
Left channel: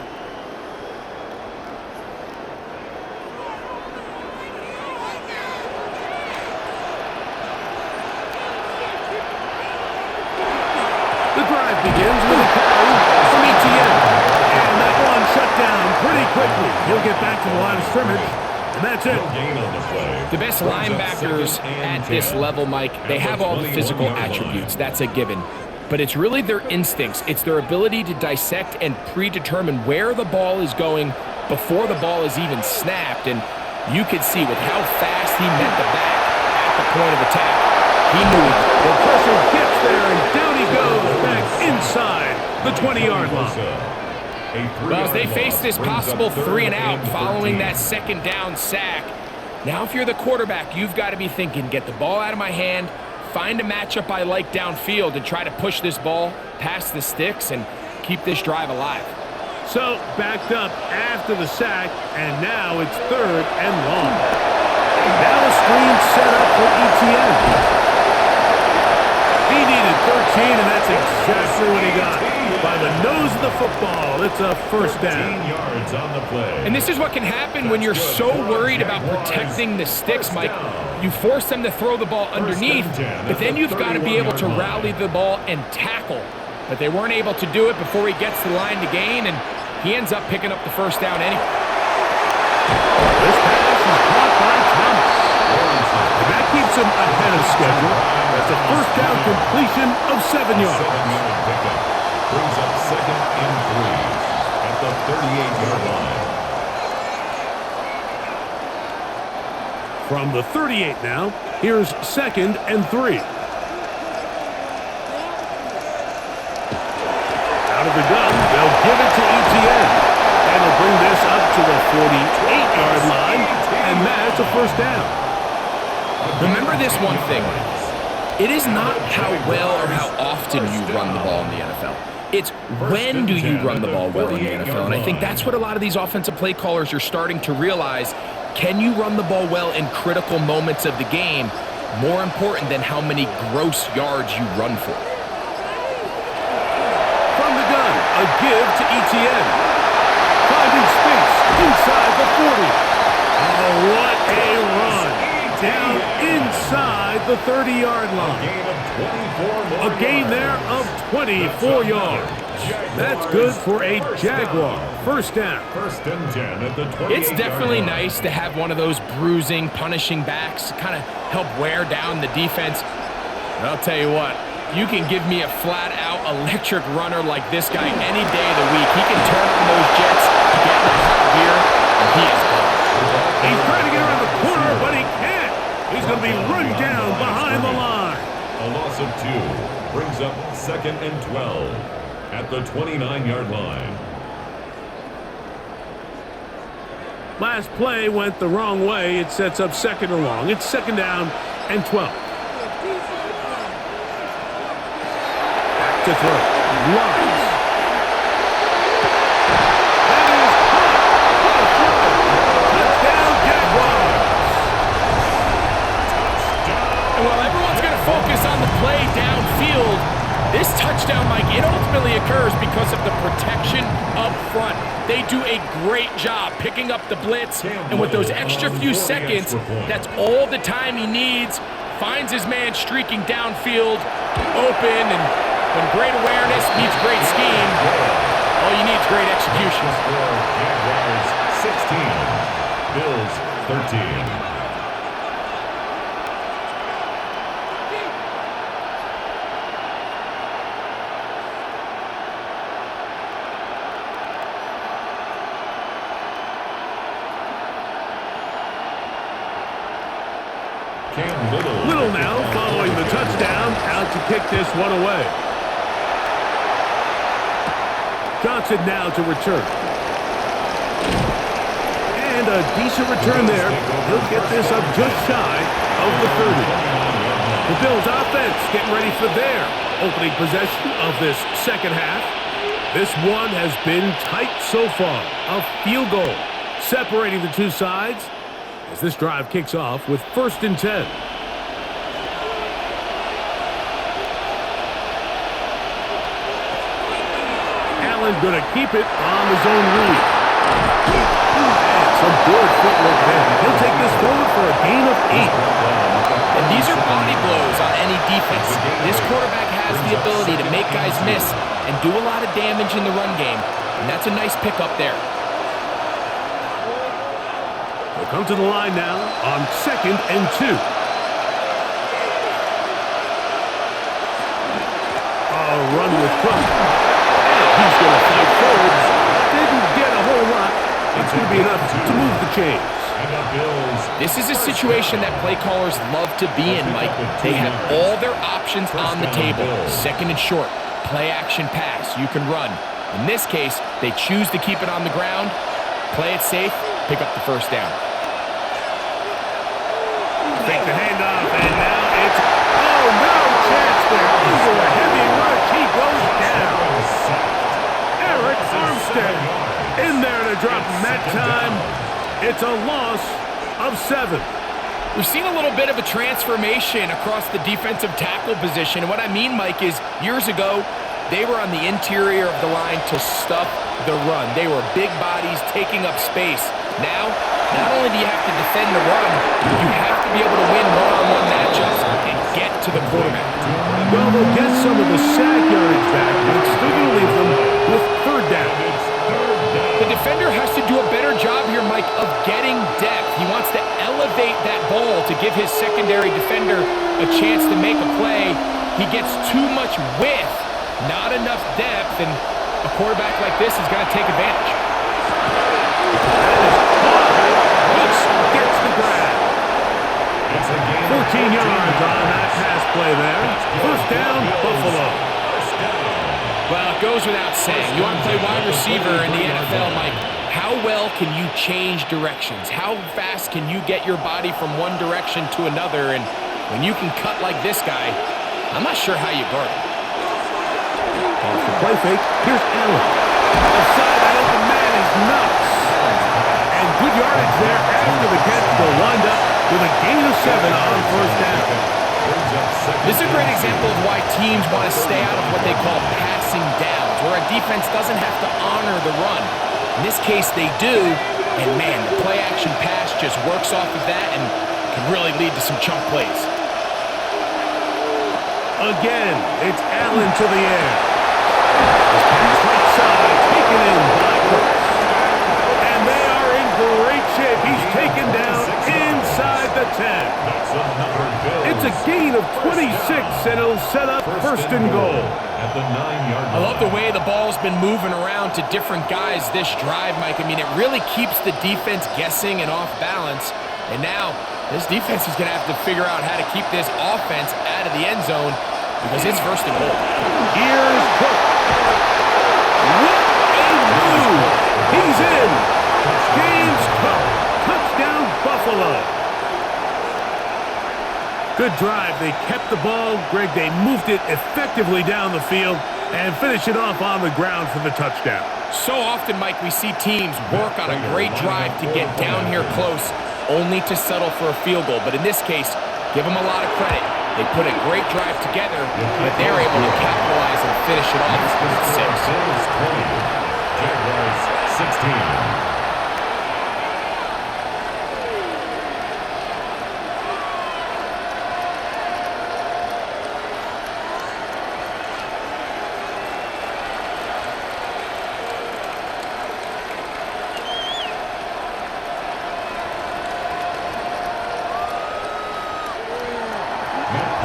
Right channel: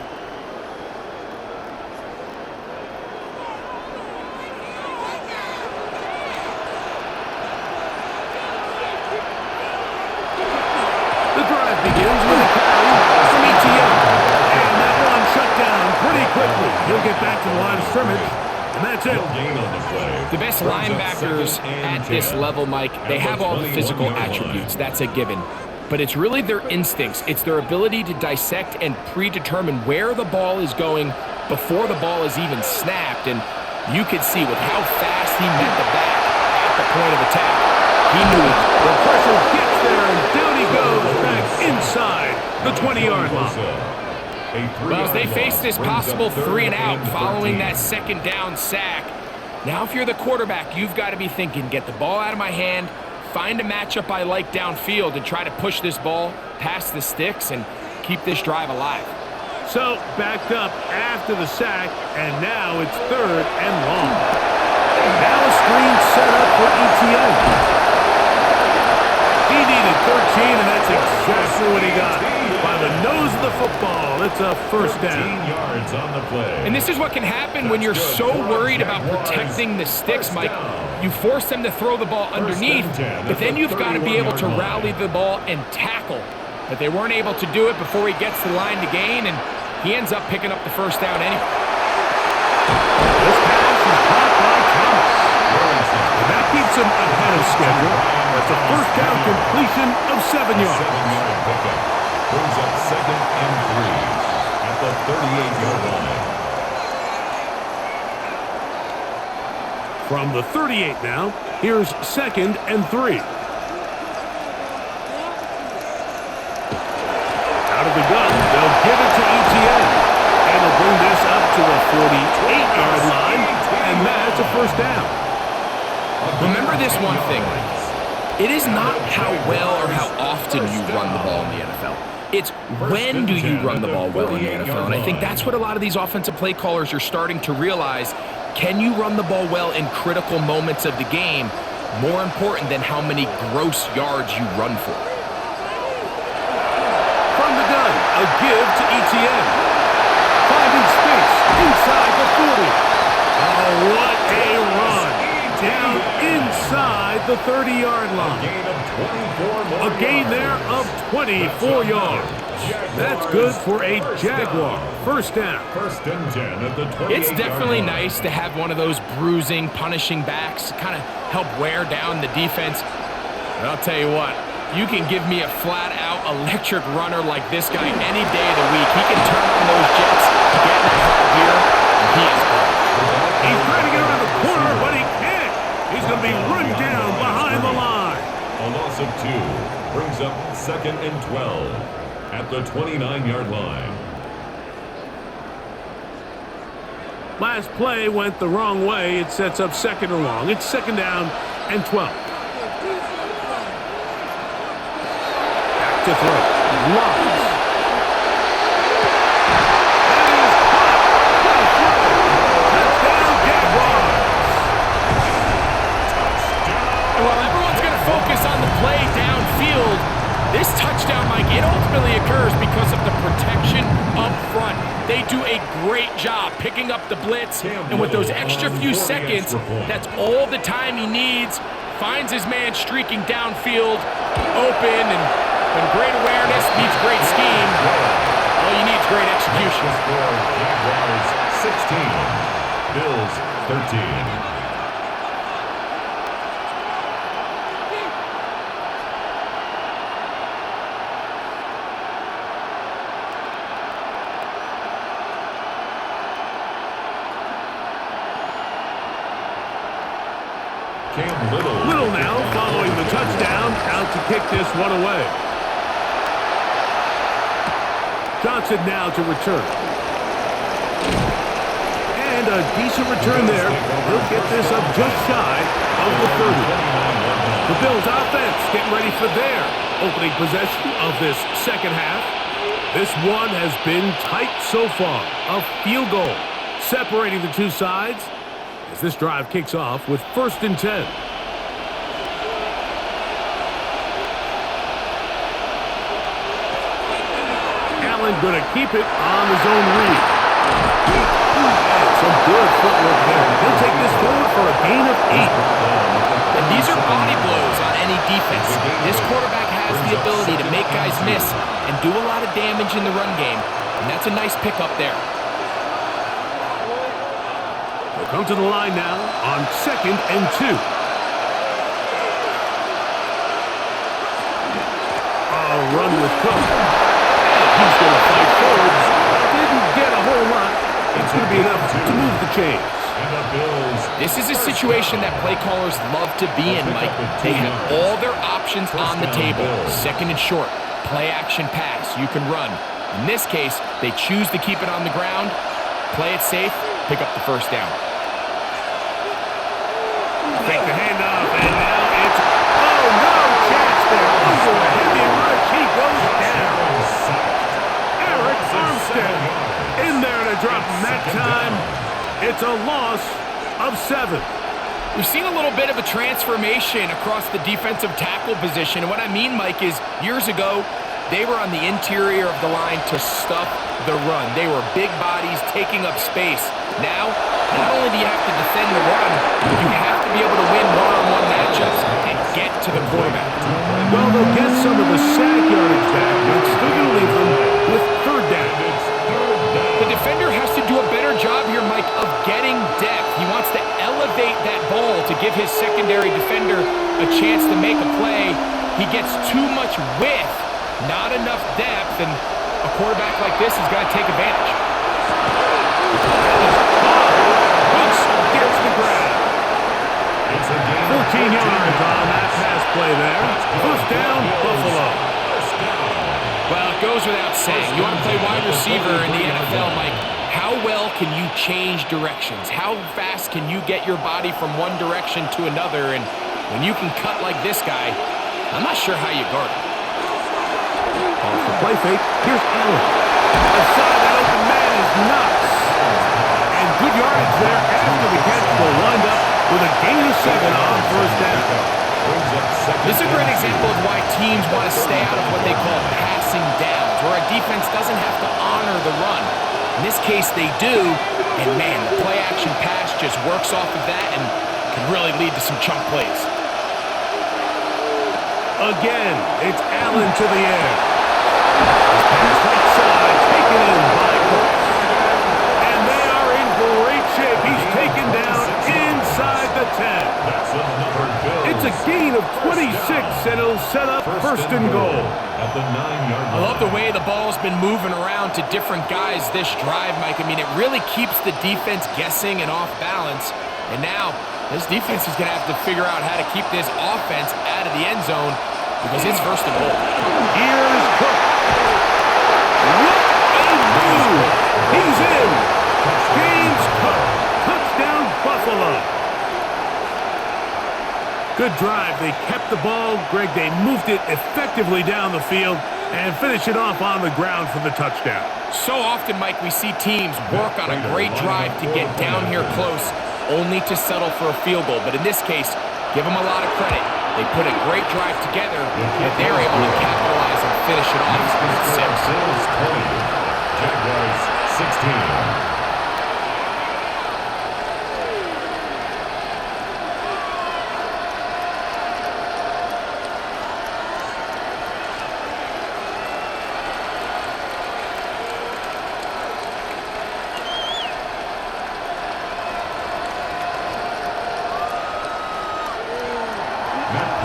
The drive begins with a carry from ETN. And that one and shut down pretty quickly. He'll get back to the line of scrimmage, and that's it. Gain on the play. The best linebackers at this level, Mike, they have all the physical attributes. That's a given. But it's really their instincts. It's their ability to dissect and predetermine where the ball is going before the ball is even snapped. And you could see with how fast he met the back at the point of attack, he knew it. The pressure gets there, and down he goes back inside the 20-yard line. Well, as they face this possible 3 and out following that second down sack, now if you're the quarterback, you've got to be thinking, get the ball out of my hand, find a matchup I like downfield, and try to push this ball past the sticks and keep this drive alive. So, backed up after the sack, and now it's 3rd and long. Now a screen set up for ETN. He needed 13, and that's exactly what he got. By the nose of the football, it's a first down. 13 yards on the play. And this is what can happen when you're so worried about protecting the sticks, Mike. You force them to throw the ball underneath, but then you've got to be able to rally the ball and tackle. But they weren't able to do it before he gets to the line to gain, and he ends up picking up the first down anyway. This pass is caught by Thomas. And that keeps him ahead of schedule. That's a first down completion of 7 yards. 7-yard pickup brings up 2nd and 3 at the 38-yard line. From the 38 now, here's 2nd and 3. Out of the gun, they'll give it to ETN. And he'll bring this up to the 48-yard line, and that's a first down. Remember this one thing, Mike. It is not how well or how often you run the ball in the NFL. It's when do you run the ball well in the NFL. And I think that's what a lot of these offensive play callers are starting to realize. Can you run the ball well in critical moments of the game? More important than how many gross yards you run for. From the gun, a give to ETN. Finding space inside the 40. Oh, what a run. Down inside the 30-yard line. A gain there of 24 yards. That's good for a Jaguar. First down. 1st and 10 at the 28-yard It's definitely nice to have one of those bruising, punishing backs to kind of help wear down the defense. But I'll tell you what, you can give me a flat-out electric runner like this guy any day of the week. He can turn on those jets, get in that high gear, and he is gone. He's trying to get around the corner, but he can't. He's going to be run down behind the line. A loss of 2 brings up 2nd and 12 at the 29-yard line. Last play went the wrong way. It sets up 2nd and long. It's 2nd down and 12. Back to throw. Lawrence. That is caught. What a throw. Touchdown, Jaguars. And while everyone's going to focus on the play downfield, this touchdown, Mike, it ultimately occurs because of the protection up front. They do a great job picking up the blitz, and with those extra few seconds, that's all the time he needs. Finds his man streaking downfield, open, and when great awareness meets great scheme, all you need is great execution. Jaguars 16, Bills 13. Little now following the touchdown, out to kick this one away. Johnson now to return. And a decent return there. He'll get this up just shy of the 30. The Bills offense getting ready for their opening possession of this second half. This one has been tight so far. A field goal separating the two sides as this drive kicks off with 1st and 10. Allen going to keep it on the zone read. And some good footwork there. He'll take this forward for a gain of 8. And these are body blows on any defense. This quarterback has the ability to make guys miss and do a lot of damage in the run game. And that's a nice pickup there. He'll come to the line now on 2nd and 2. A run with Cook. And he's going to fight forward. Didn't get a whole lot. It's going to be enough to move the chains. This is a situation that play callers love to be in, Mike. They have all their options on the table. 2nd and short, play action pass, you can run. In this case, they choose to keep it on the ground, play it safe, pick up the first down. Fake the handoff, and now it's, oh, no chance there. Under a heavy rush, he goes down. Eric Armstead in there to drop him that time. It's a loss of 7. We've seen a little bit of a transformation across the defensive tackle position. And what I mean, Mike, is years ago, they were on the interior of the line to stuff the run. They were big bodies taking up space. Now, not only do you have to defend the run, you have to be able to win one-on-one matchups and get to the quarterback. Well, they'll get some of the sack yardage back, but it's still going to leave them with 3rd down. The defender has to do a better job here, Mike, of getting depth. He wants to elevate that ball to give his secondary defender a chance to make a play. He gets too much width, not enough depth, and a quarterback like this is going to take advantage. That is caught. Hooks gets the grab. 14 yards on that pass play there. 1st down, Buffalo. Well, it goes without saying. You want to play wide receiver in the NFL, Mike. How well can you change directions? How fast can you get your body from one direction to another? And when you can cut like this guy, I'm not sure how you guard it. Off the play fake, here's Allen. Left side, that open man is Knox. And good yardage there after the catch. Will wind up with a gain of 7 on 1st down. This is a great example of why teams want to stay out of what they call passing downs, where a defense doesn't have to honor the run. In this case, they do, and man, the play-action pass just works off of that and can really lead to some chunk plays. Again, it's Allen to the air. His pass right side, taken in by Cooks. And they are in great shape. He's taken down inside the 10. It's a gain of 26, and it'll set up 1st and goal. At the 9-yard line. I love the way the ball's been moving around to different guys this drive, Mike. I mean, it really keeps the defense guessing and off balance. And now, this defense is going to have to figure out how to keep this offense out of the end zone because it's 1st and goal. Here's Cook. What a move! He's in. James Cook. Touchdown, Buffalo. Good drive. They kept the ball. Greg, they moved it effectively down the field and finish it off on the ground for the touchdown. So often, Mike, we see teams work on a great drive to get down here close, only to settle for a field goal. But in this case, give them a lot of credit. They put a great drive together, but they're able to capitalize and finish it off with 6. Bills 20, Jaguars 16.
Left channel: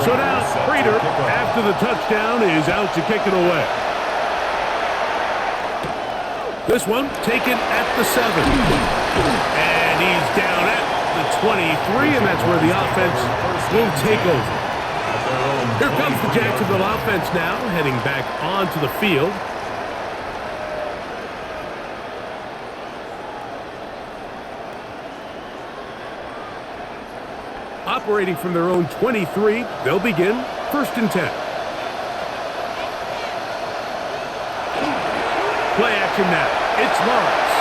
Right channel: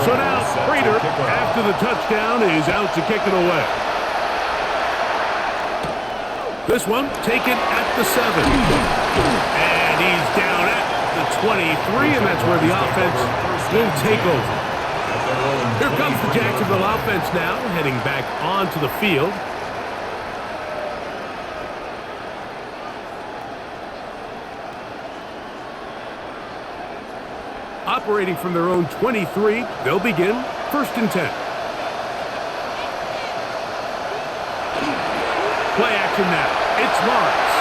So now, Prater, after the touchdown, is out to kick it away. This one taken at the 7. And he's down at the 23, and that's where the offense will take over. Here comes the Jacksonville offense now, heading back onto the field. Operating from their own 23, they'll begin 1st and 10. Play action now. It's Lawrence.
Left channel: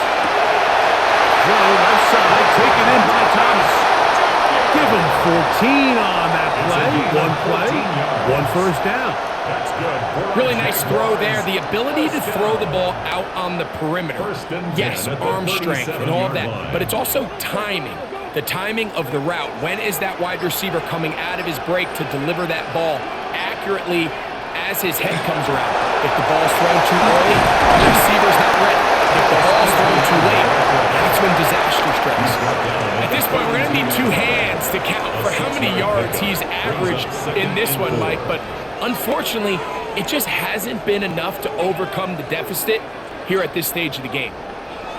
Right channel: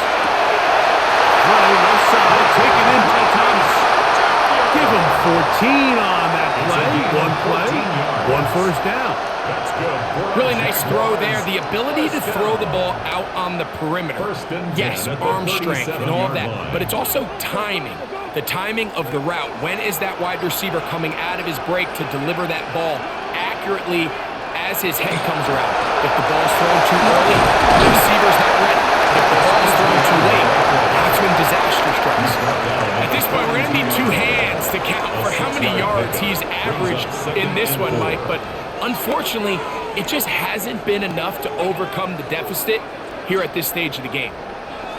Throw left side, taken in by Thomas. Give him 14 on that play. One play, 1 first down. That's good. Really nice throw there. The ability to throw the ball out on the perimeter. Yes, arm strength and all of that, but it's also timing. The timing of the route. When is that wide receiver coming out of his break to deliver that ball accurately as his head comes around. If the ball's thrown too early, the receiver's not ready. If the ball's thrown too late, that's when disaster strikes. At this point, we're going to need two hands to count for how many yards he's averaged in this one, Mike. But unfortunately, it just hasn't been enough to overcome the deficit here at this stage of the game.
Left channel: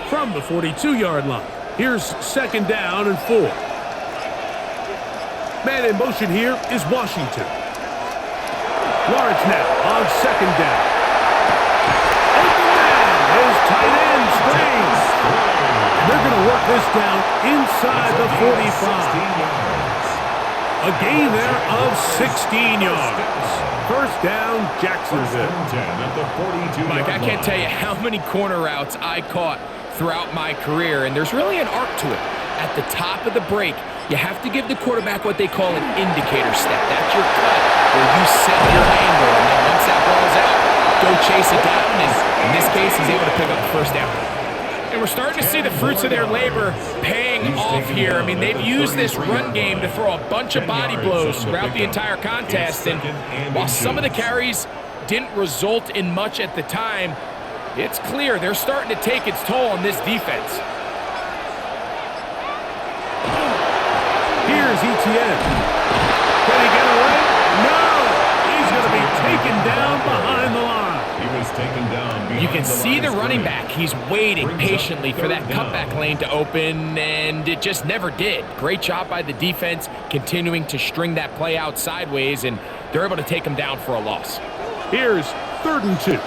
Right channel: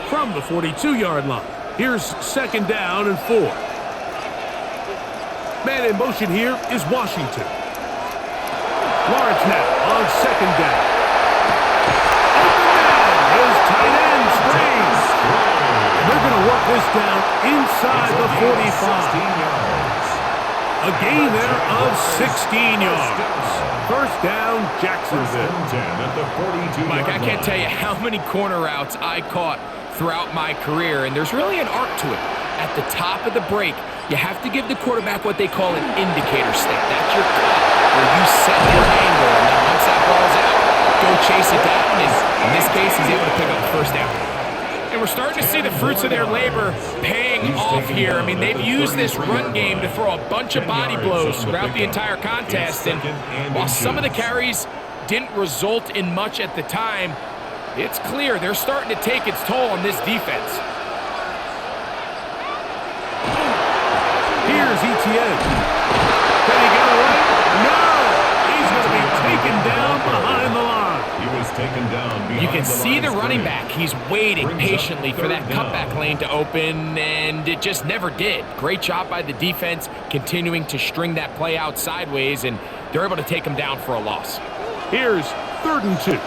From the 42-yard line, here's second down and 4. Man in motion here is Washington. Lawrence now on second down. Open man, his tight end Strange. And they're going to work this down inside the 45. A gain there of 16 yards. First down, Jacksonville. Mike, I can't tell you how many corner routes I caught throughout my career, and there's really an art to it. At the top of the break, you have to give the quarterback what they call an indicator step. That's your cut, where you set your angle, and then once that ball's out, go chase it down, and in this case, he's able to pick up the first down. And we're starting to see the fruits of their labor paying off here. I mean, they've used this run game to throw a bunch of body blows throughout the entire contest, and while some of the carries didn't result in much at the time, it's clear they're starting to take its toll on this defense. Here's Etienne. Can he get away? No! He's going to be taken down behind the line. He was taken down behind the line. You can see the running back. He's waiting patiently for that cutback lane to open, and it just never did. Great job by the defense continuing to string that play out sideways, and they're able to take him down for a loss. Here's 3rd and 2.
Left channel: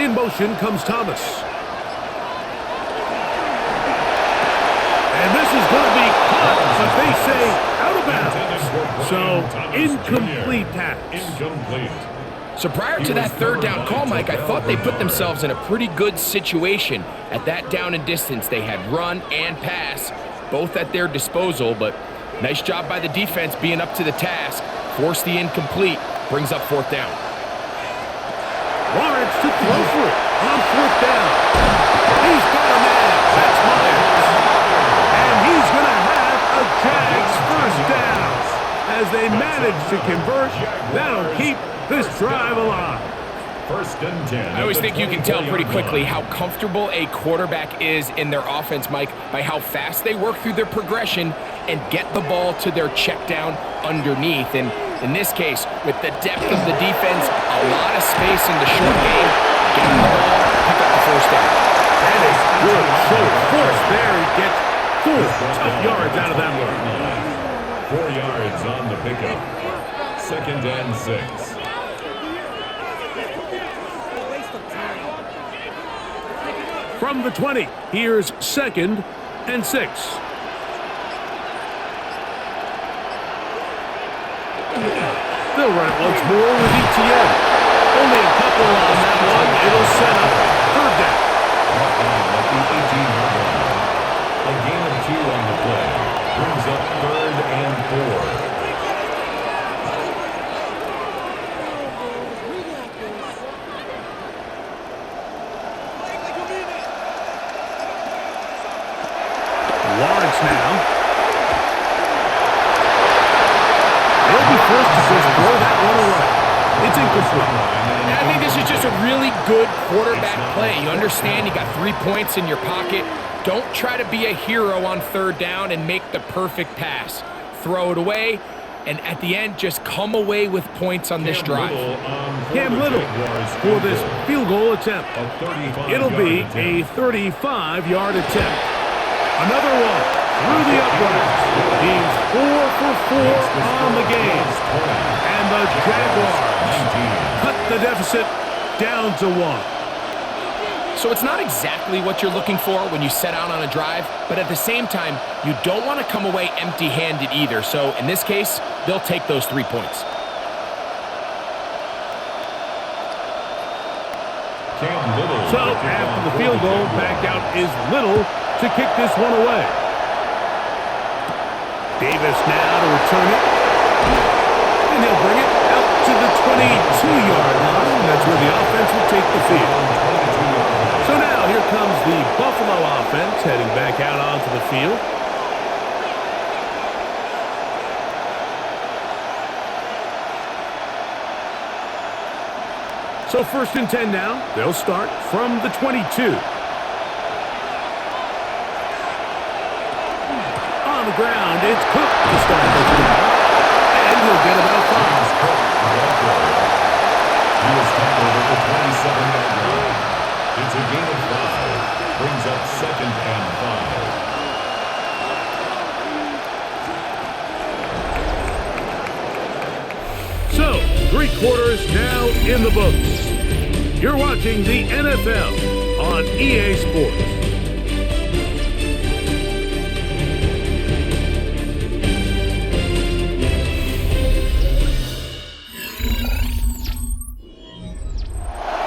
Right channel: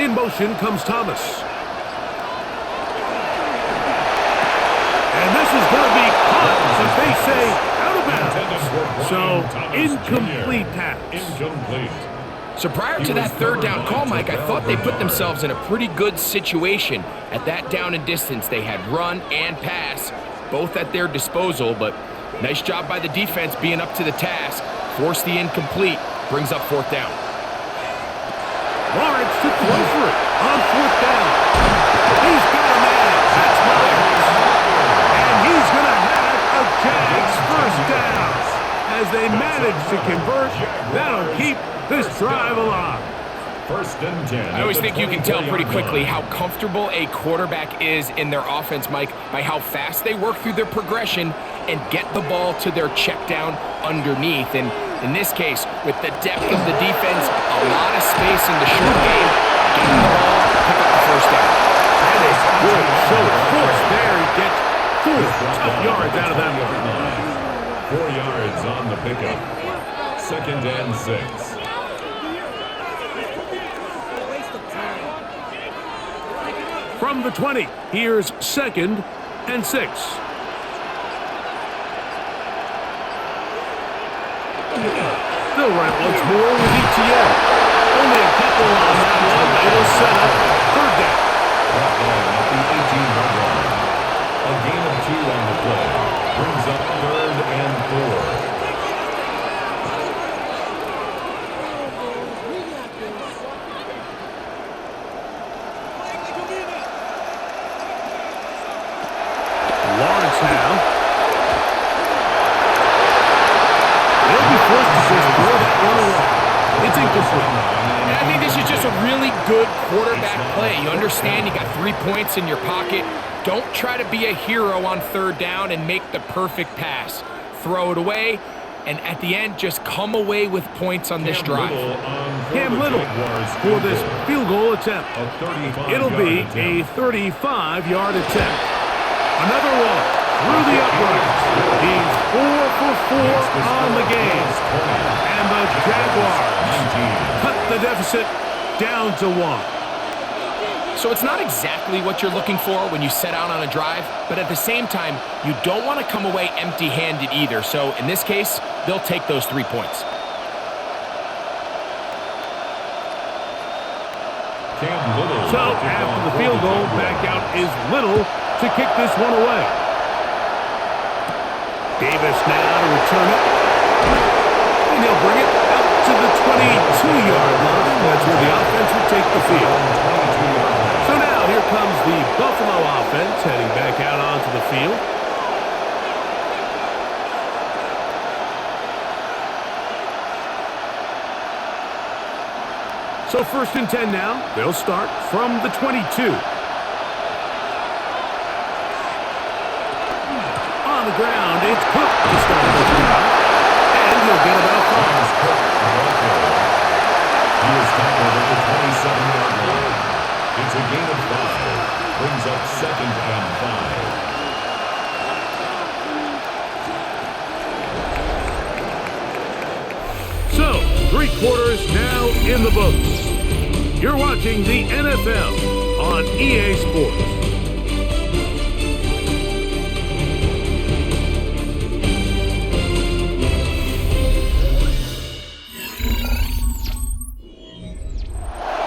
In motion comes Thomas. And this is going to be caught, but they say out of bounds. So, incomplete pass. Incomplete. So prior to that third down call, Mike, I thought they put themselves in a pretty good situation at that down and distance. They had run and pass, both at their disposal, but nice job by the defense being up to the task. Forced the incomplete, brings up 4th down. Lawrence to throw for it on 4th down. He's got a man. That's Myers. And he's going to have a Jags first down. As they manage to convert, that'll keep this drive alive. 1st and 10. I always think you can tell pretty quickly how comfortable a quarterback is in their offense, Mike, by how fast they work through their progression and get the ball to their check down underneath. And in this case, with the depth of the defense, a lot of space in the short game, get him the ball, pick up the first down. And a good show of force there. He gets 4 tough yards out of that one. 4 yards on the pickup. 2nd and 6. From the 20, here's 2nd and 6. They'll run it once more with Etienne. Only a couple on that one. It'll set up 3rd down. At the 18-yard line. A gain of 2 on the play. Brings up 3rd and 4. Lawrence now. They'll be forced to just throw that one away. It's incomplete. And I think this is just a really good quarterback play. You understand you got 3 points in your pocket. Don't try to be a hero on 3rd down and make the perfect pass. Throw it away, and at the end, just come away with points on this drive. Cam Little for this field goal attempt. It'll be a 35-yard attempt. Another one through the uprights. He's 4 for 4 on the game. And the Jaguars cut the deficit down to 1. So it's not exactly what you're looking for when you set out on a drive, but at the same time, you don't want to come away empty-handed either. So in this case, they'll take those 3 points. So after the field goal, back out is Little to kick this one away. Davis now to return it. And he'll bring it out to the 22-yard line. That's where the offense will take the field. So now here comes the Buffalo offense heading back out onto the field. So 1st and 10 now. They'll start from the 22. On the ground, it's Cook to start this drive. And he'll get about 5. Cook, the ball carrier. He was tackled at the 27-yard line. It's a gain of 5. Brings up 2nd and 5. So, 3 quarters now in the books. You're watching the NFL on EA Sports.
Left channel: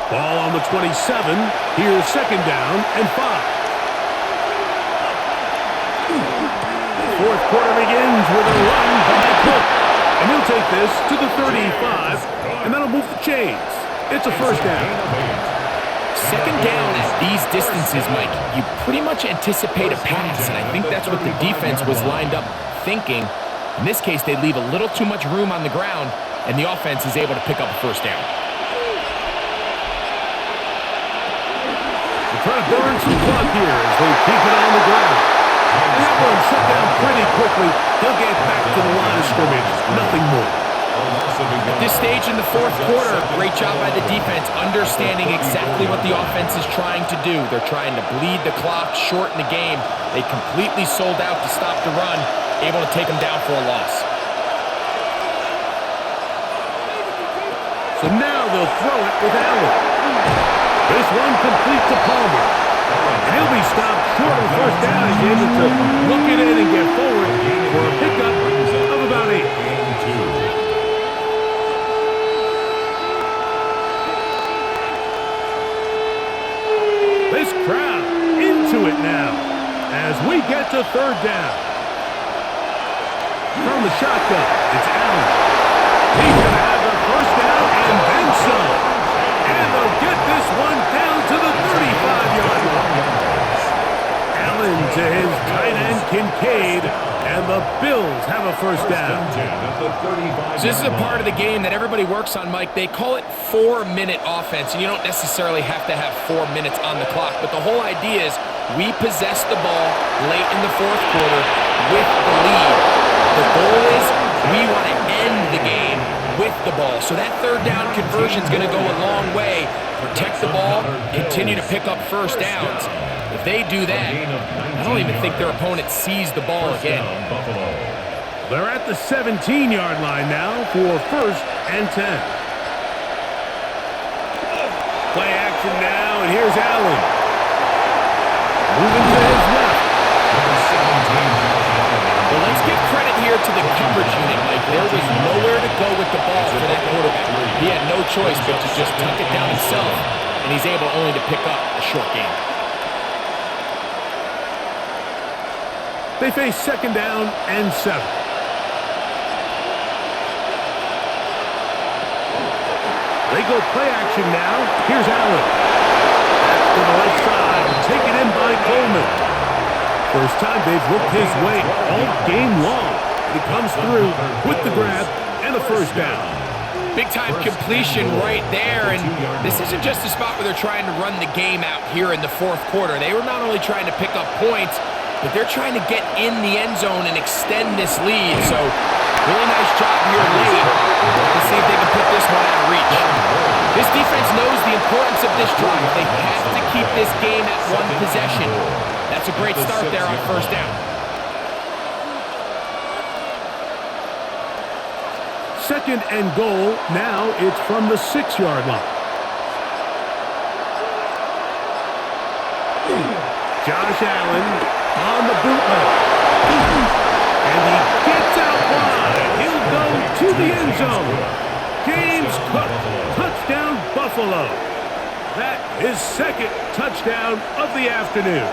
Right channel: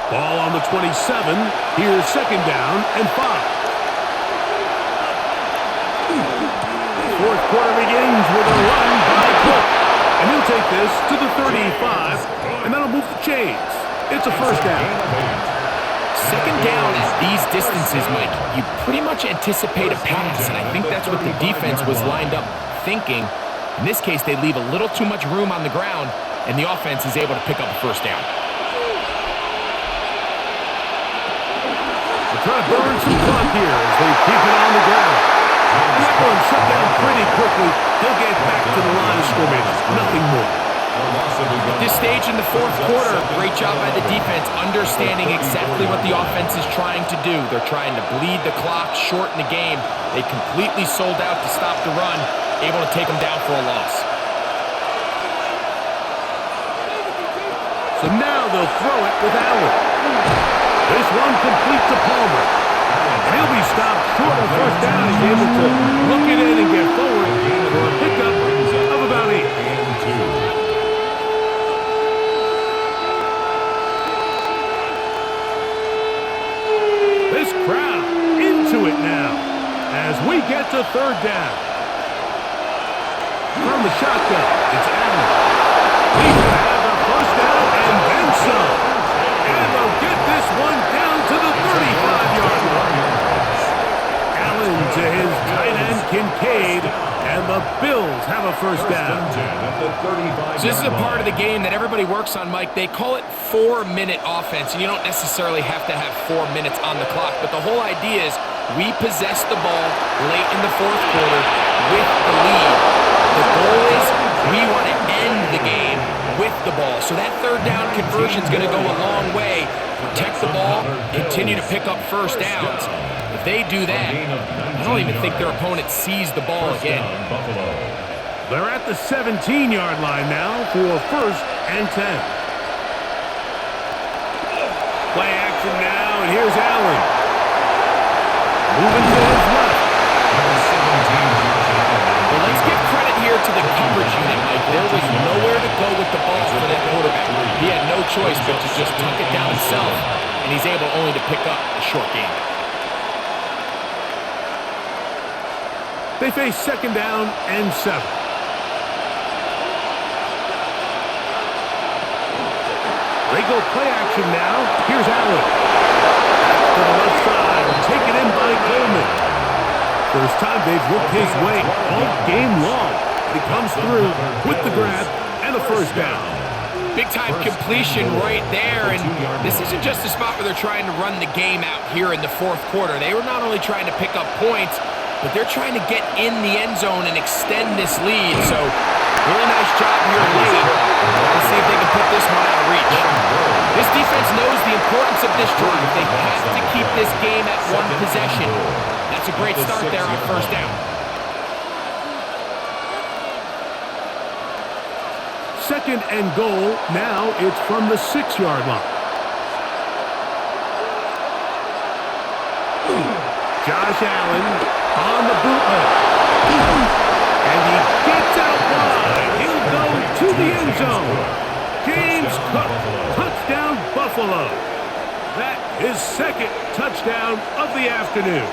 Ball on the 27. Here's 2nd down and 5. 4th quarter begins with a run by Cook. And he'll take this to the 35, and that'll move the chains. It's a 1st down. 2nd down at these distances, Mike, you pretty much anticipate a pass, and I think that's what the defense was lined up thinking. In this case, they leave a little too much room on the ground, and the offense is able to pick up a 1st down. They're trying to burn some clock here as they keep it on the ground. And that one shut down pretty quickly. He'll get back to the line of scrimmage. Nothing more. At this stage in the 4th quarter, great job by the defense understanding exactly what the offense is trying to do. They're trying to bleed the clock, shorten the game. They completely sold out to stop the run, able to take them down for a loss. So now they'll throw it with Allen. This one complete to Palmer. And he'll be stopped short of the 1st down. He's able to look it in and get forward for a pickup of about 8. This crowd into it now as we get to 3rd down. From the shotgun, it's Allen. He's going to have the 1st down and then some. And they'll get this one down to the 35-yard line. Allen to his tight end, Kincaid, and the Bills have a 1st down. So this is a part of the game that everybody works on, Mike. They call it 4-minute offense, and you don't necessarily have to have 4 minutes on the clock. But the whole idea is we possess the ball late in the 4th quarter with the lead. The goal is we want to end the game with the ball. So that 3rd down conversion is going to go a long way. Protect the ball, continue to pick up 1st downs. If they do that, I don't even think their opponent sees the ball again. They're at the 17-yard line now for 1st and 10. Play action now, and here's Allen. Moving to his left. Well, let's give credit here to the coverage unit, Mike. There was nowhere to go with the ball for that quarterback. He had no choice but to just tuck it down himself, and he's able only to pick up a short gain. They face 2nd down and 7. They go play action now. Here's Allen. Back to the left side. Taken in by Coleman. First time they've looked his way all game long. He comes through with the grab and a 1st down. Big-time completion right there, and this isn't just a spot where they're trying to run the game out here in the 4th quarter. They were not only trying to pick up points, but they're trying to get in the end zone and extend this lead. So, really nice job here late. Let's see if they can put this one out of reach. This defense knows the importance of this drive. They have to keep this game at 1 possession. That's a great start there on 1st down. 2nd and goal. Now it's from the 6-yard line. Josh Allen on the bootleg. And he gets out wide. He'll go to the end zone. James Cook, touchdown Buffalo. That is 2nd touchdown of the afternoon.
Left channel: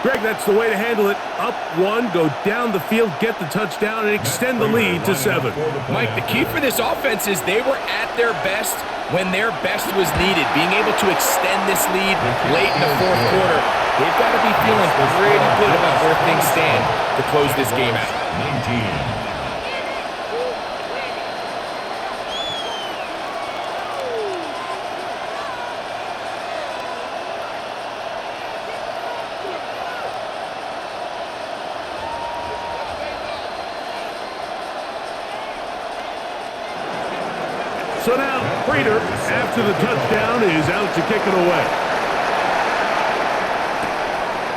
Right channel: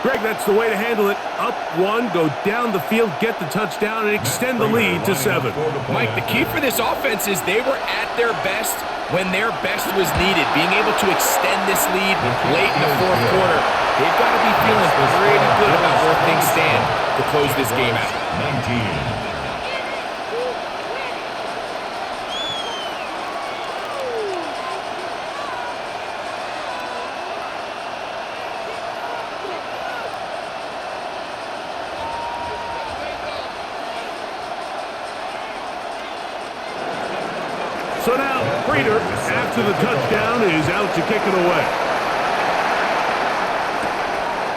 Greg, that's the way to handle it. Up 1, go down the field, get the touchdown, and extend the lead to 7. Mike, the key for this offense is they were at their best when their best was needed. Being able to extend this lead late in the 4th quarter, they've got to be feeling pretty good about where things stand to close this game out. 19. So now, Prater, after the touchdown, is out to kick it away.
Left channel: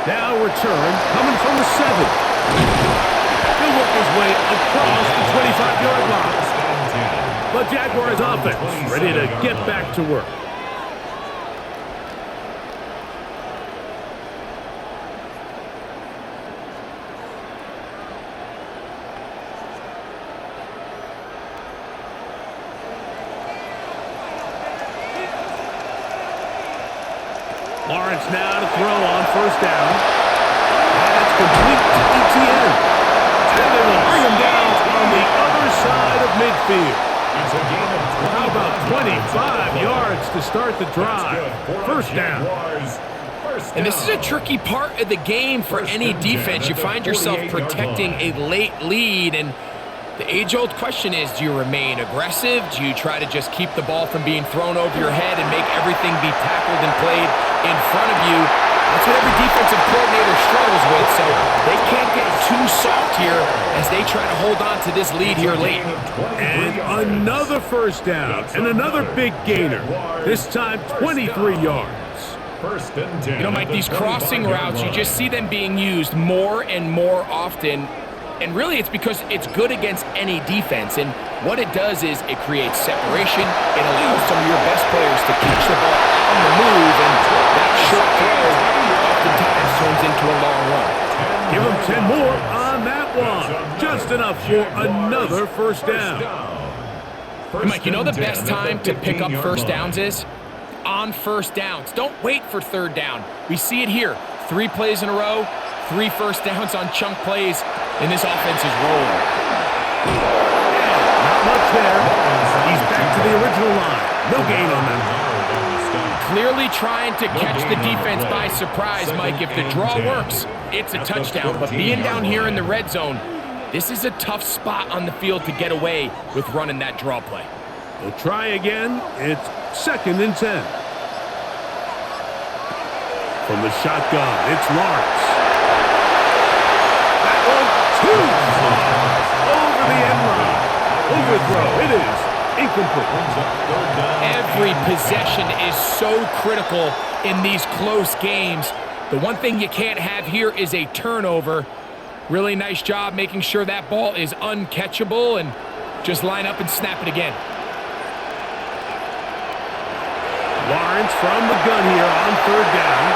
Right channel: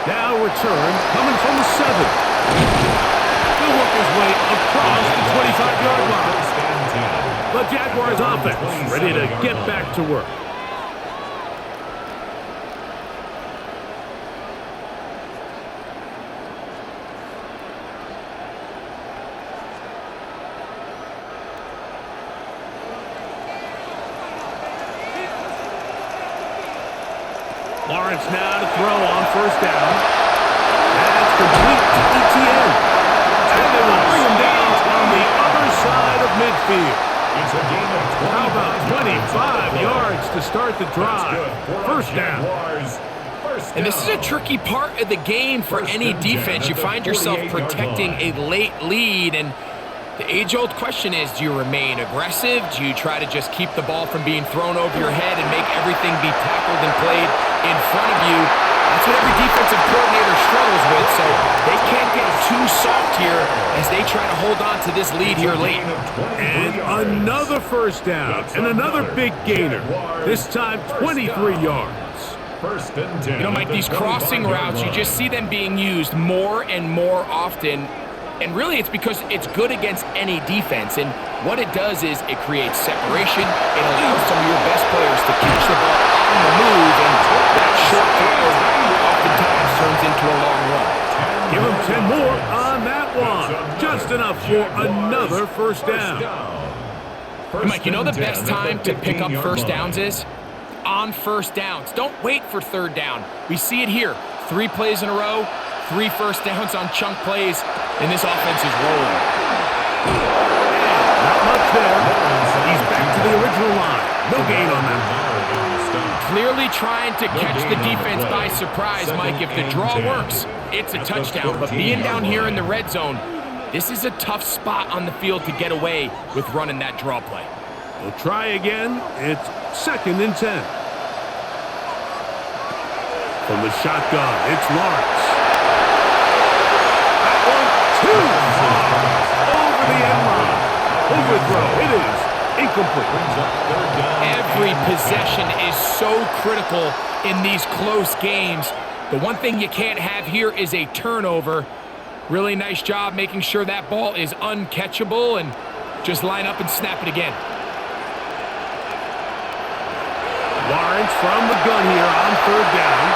Now return, coming from the 7. He'll work his way across the 25-yard line. The Jaguars offense ready to get back to work. Lawrence now to throw on first down. That's complete to ETN. And they will bring him down on the other side of midfield. It's a gain of 25 How about 25 yards to start the drive? First down. And this is a tricky part of the game for any defense. You find yourself protecting a late lead, and the age-old question is, do you remain aggressive? Do you try to just keep the ball from being thrown over your head and make everything be tackled and played in front of you? That's what every defensive coordinator struggles with, so they can't get too soft here as they try to hold on to this lead here late. And another first down and another big gainer, this time 23 yards. First and 10. You know, Mike, these crossing routes, you just see them being used more and more often. And really, it's because it's good against any defense. And what it does is it creates separation. It allows some of your best players to catch the ball on the move. And that short throw oftentimes turns into a long run. Give them 10 more on that one. Just enough for another first down. And Mike, you know the best time to pick up first downs is? On first downs. Don't wait for third down. We see it here. 3 plays in a row. 3 first downs on chunk plays, and this offense is rolling. And not much there. He's back to the original line. No gain on that. Clearly trying to catch the defense by surprise, Mike. If the draw works, it's a touchdown. But being down here in the red zone, this is a tough spot on the field to get away with running that draw play. We'll try again. It's 2nd and 10. From the shotgun, it's Lawrence. One too far over the end line. Overthrow. It is incomplete. Every possession is so critical in these close games. The one thing you can't have here is a turnover. Really nice job making sure that ball is uncatchable, and just line up and snap it again. Lawrence from the gun here on 3rd down.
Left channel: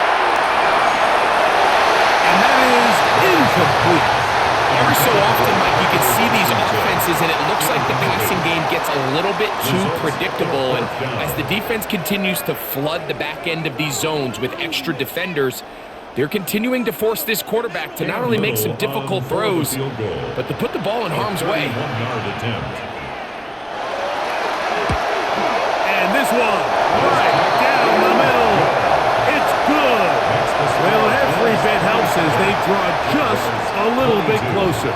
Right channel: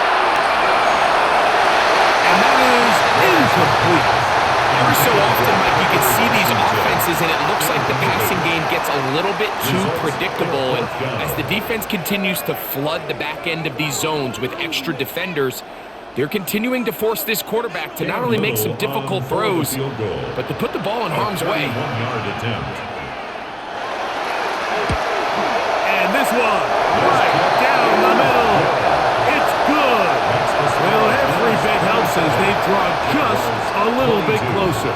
And that is incomplete. Every so often, Mike, you can see these offenses, and it looks like the passing game gets a little bit too predictable. And as the defense continues to flood the back end of these zones with extra defenders, they're continuing to force this quarterback to not only make some difficult throws, but to put the ball in harm's way. And this one, right down the middle. It's good. Well, every bit helps as they draw just a little bit closer.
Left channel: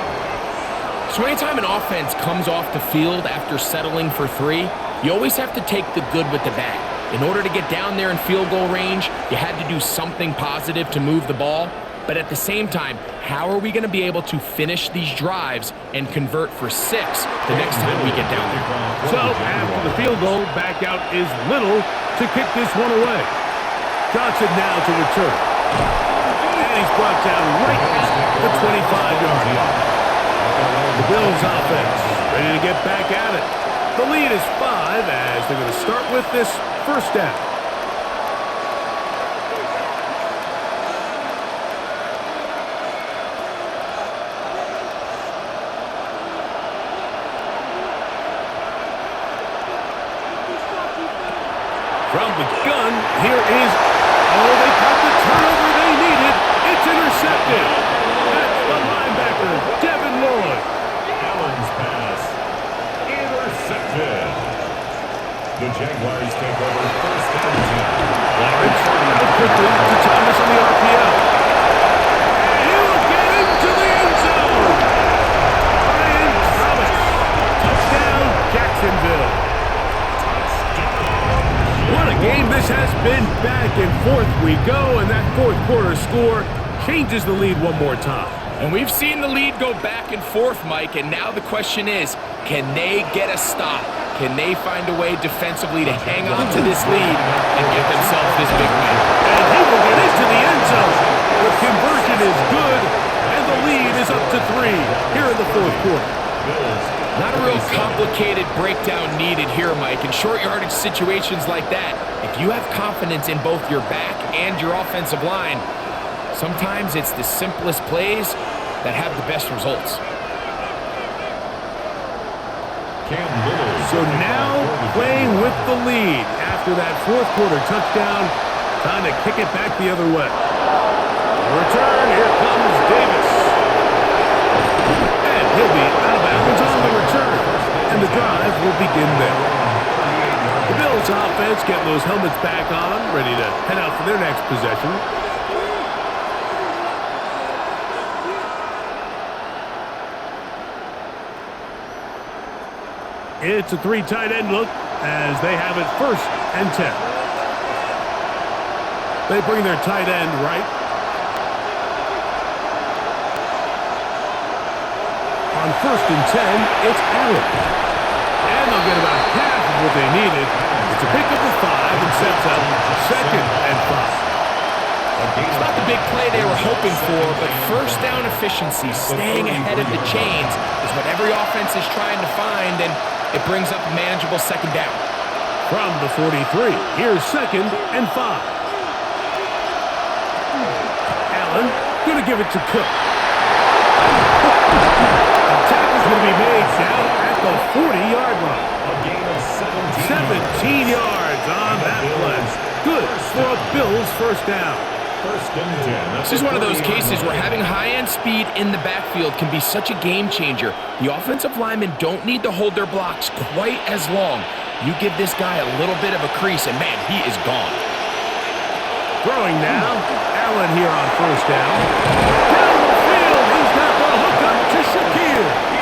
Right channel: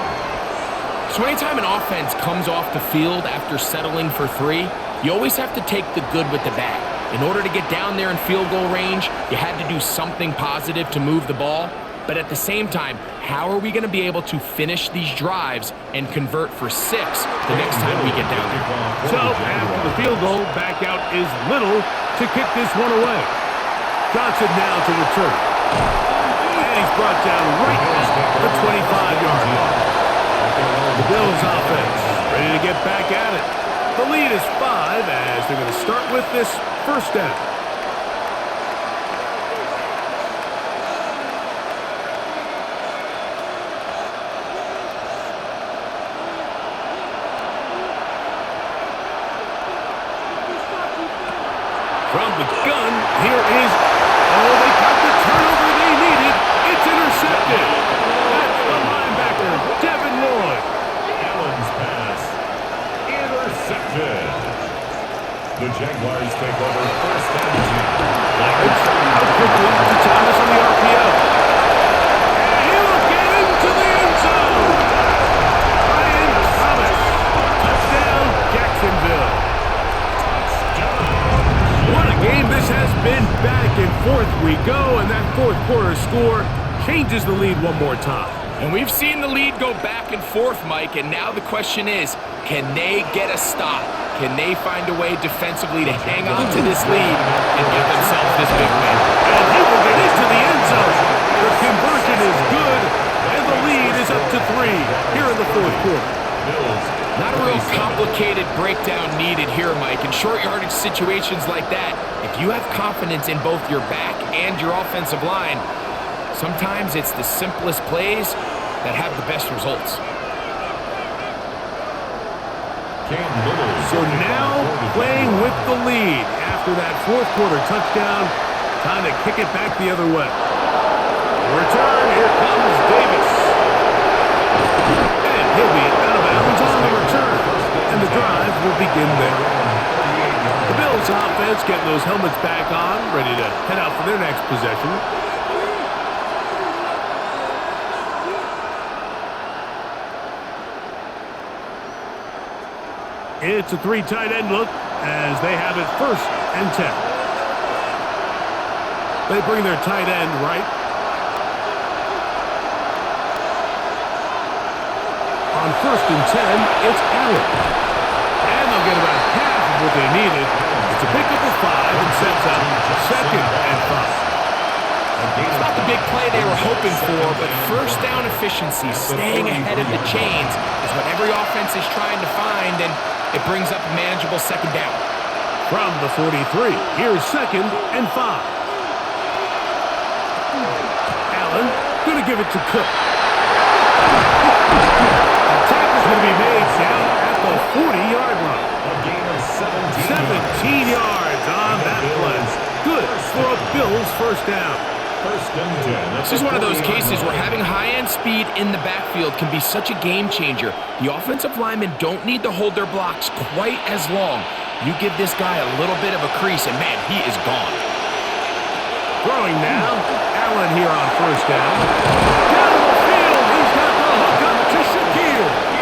So anytime an offense comes off the field after settling for 3, you always have to take the good with the bad. In order to get down there in field goal range, you had to do something positive to move the ball. But at the same time, how are we going to be able to finish these drives and convert for 6 the next time we get down there? So after the field goal, back out is Little to kick this one away. Johnson now to return. And he's brought down right at the 25-yard line. The Bills offense ready to get back at it. The lead is 5 as they're going to start with this first down. From the gun, here is, they got the turnover they needed. It's intercepted. That's the linebacker, Devin Lloyd. Allen's pass, intercepted. The Jaguars take over first and 10. Lawrence out quickly to Thomas on the RPO. And he will get into the end zone. Ryan Thomas. Touchdown, Jacksonville. What a game this has been. Back and forth we go, and that fourth quarter score changes the lead one more time. And we've seen the lead go back and forth, Mike, and now the question is, can they get a stop? Can they find a way defensively to hang on to this lead and get themselves this big win? And he will get into the end zone. The conversion is good, and the lead is up to 3 here in the fourth quarter. Not a real complicated breakdown needed here, Mike. In short yardage situations like that, if you have confidence in both your back and your offensive line, sometimes it's the simplest plays that have the best results. So now playing with the lead after that fourth quarter touchdown, time to kick it back the other way. Return, here comes Davis. And he'll be out of bounds on the return. And the drive will begin there. The Bills offense getting those helmets back on, ready to head out for their next possession. It's a 3 tight end look as they have it 1st and 10. They bring their tight end right. On 1st and 10, it's Allen. And they'll get about half of what they needed. It's a pickup of 5 and sets up 2nd and 5. It's not the big play they were hoping for, but first down efficiency, staying ahead of the chains, is what every offense is trying to find, and it brings up a manageable 2nd down. From the 43, here's 2nd and 5. Allen going to give it to Cook. The tackle's going to be made down at the 40-yard line. A gain of 17 yards on that play. Good for a Bills 1st down. 1st and 10. This is one of those cases where having high-end speed in the backfield can be such a game changer. The offensive linemen don't need to hold their blocks quite as long. You give this guy a little bit of a crease, and man, he is gone. Throwing now, Allen here on 1st down. Down the field, he's got the hook up to Shakir.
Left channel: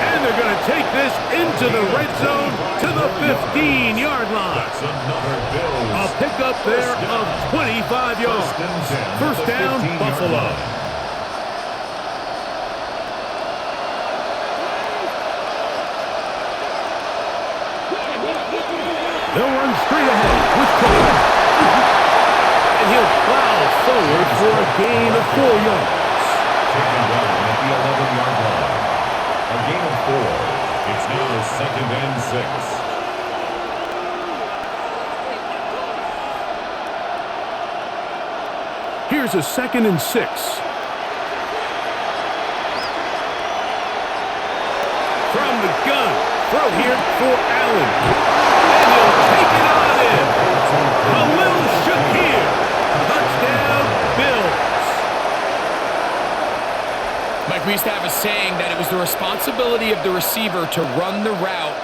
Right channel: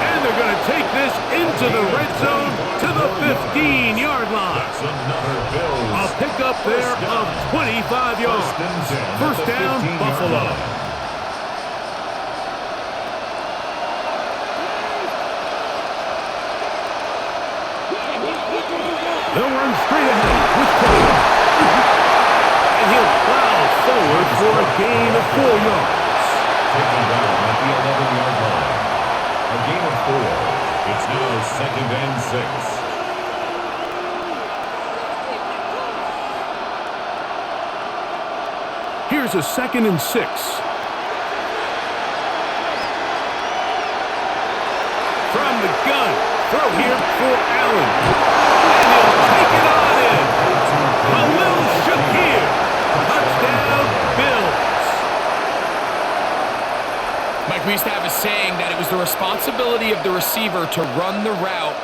And they're going to take this into the red zone to the 15-yard line. That's another Bills. A pickup there of 25 yards. 1st down, Buffalo. They'll run straight ahead with Cook. And he'll plow forward for a gain of 4 yards. Taken down at the 11-yard line. A gain of 4. It's now 2nd and 6. Here's a 2nd and 6. From the gun, throw here for Allen. And he'll take it on in. Khalil Shakir. Touchdown, Bills. Mike, we used to have a saying that it was the responsibility of the receiver to run the route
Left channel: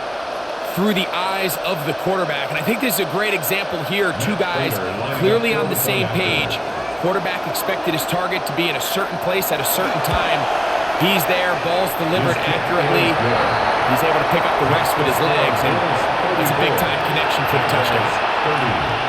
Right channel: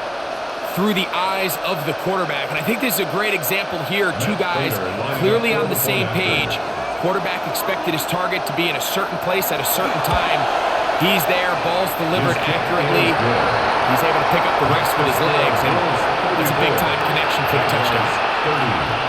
through the eyes of the quarterback. And I think this is a great example here. 2 guys clearly on the same page. Quarterback expected his target to be in a certain place at a certain time. He's there, ball's delivered accurately. He's able to pick up the rest with his legs, and that's a big-time connection for the touchdown.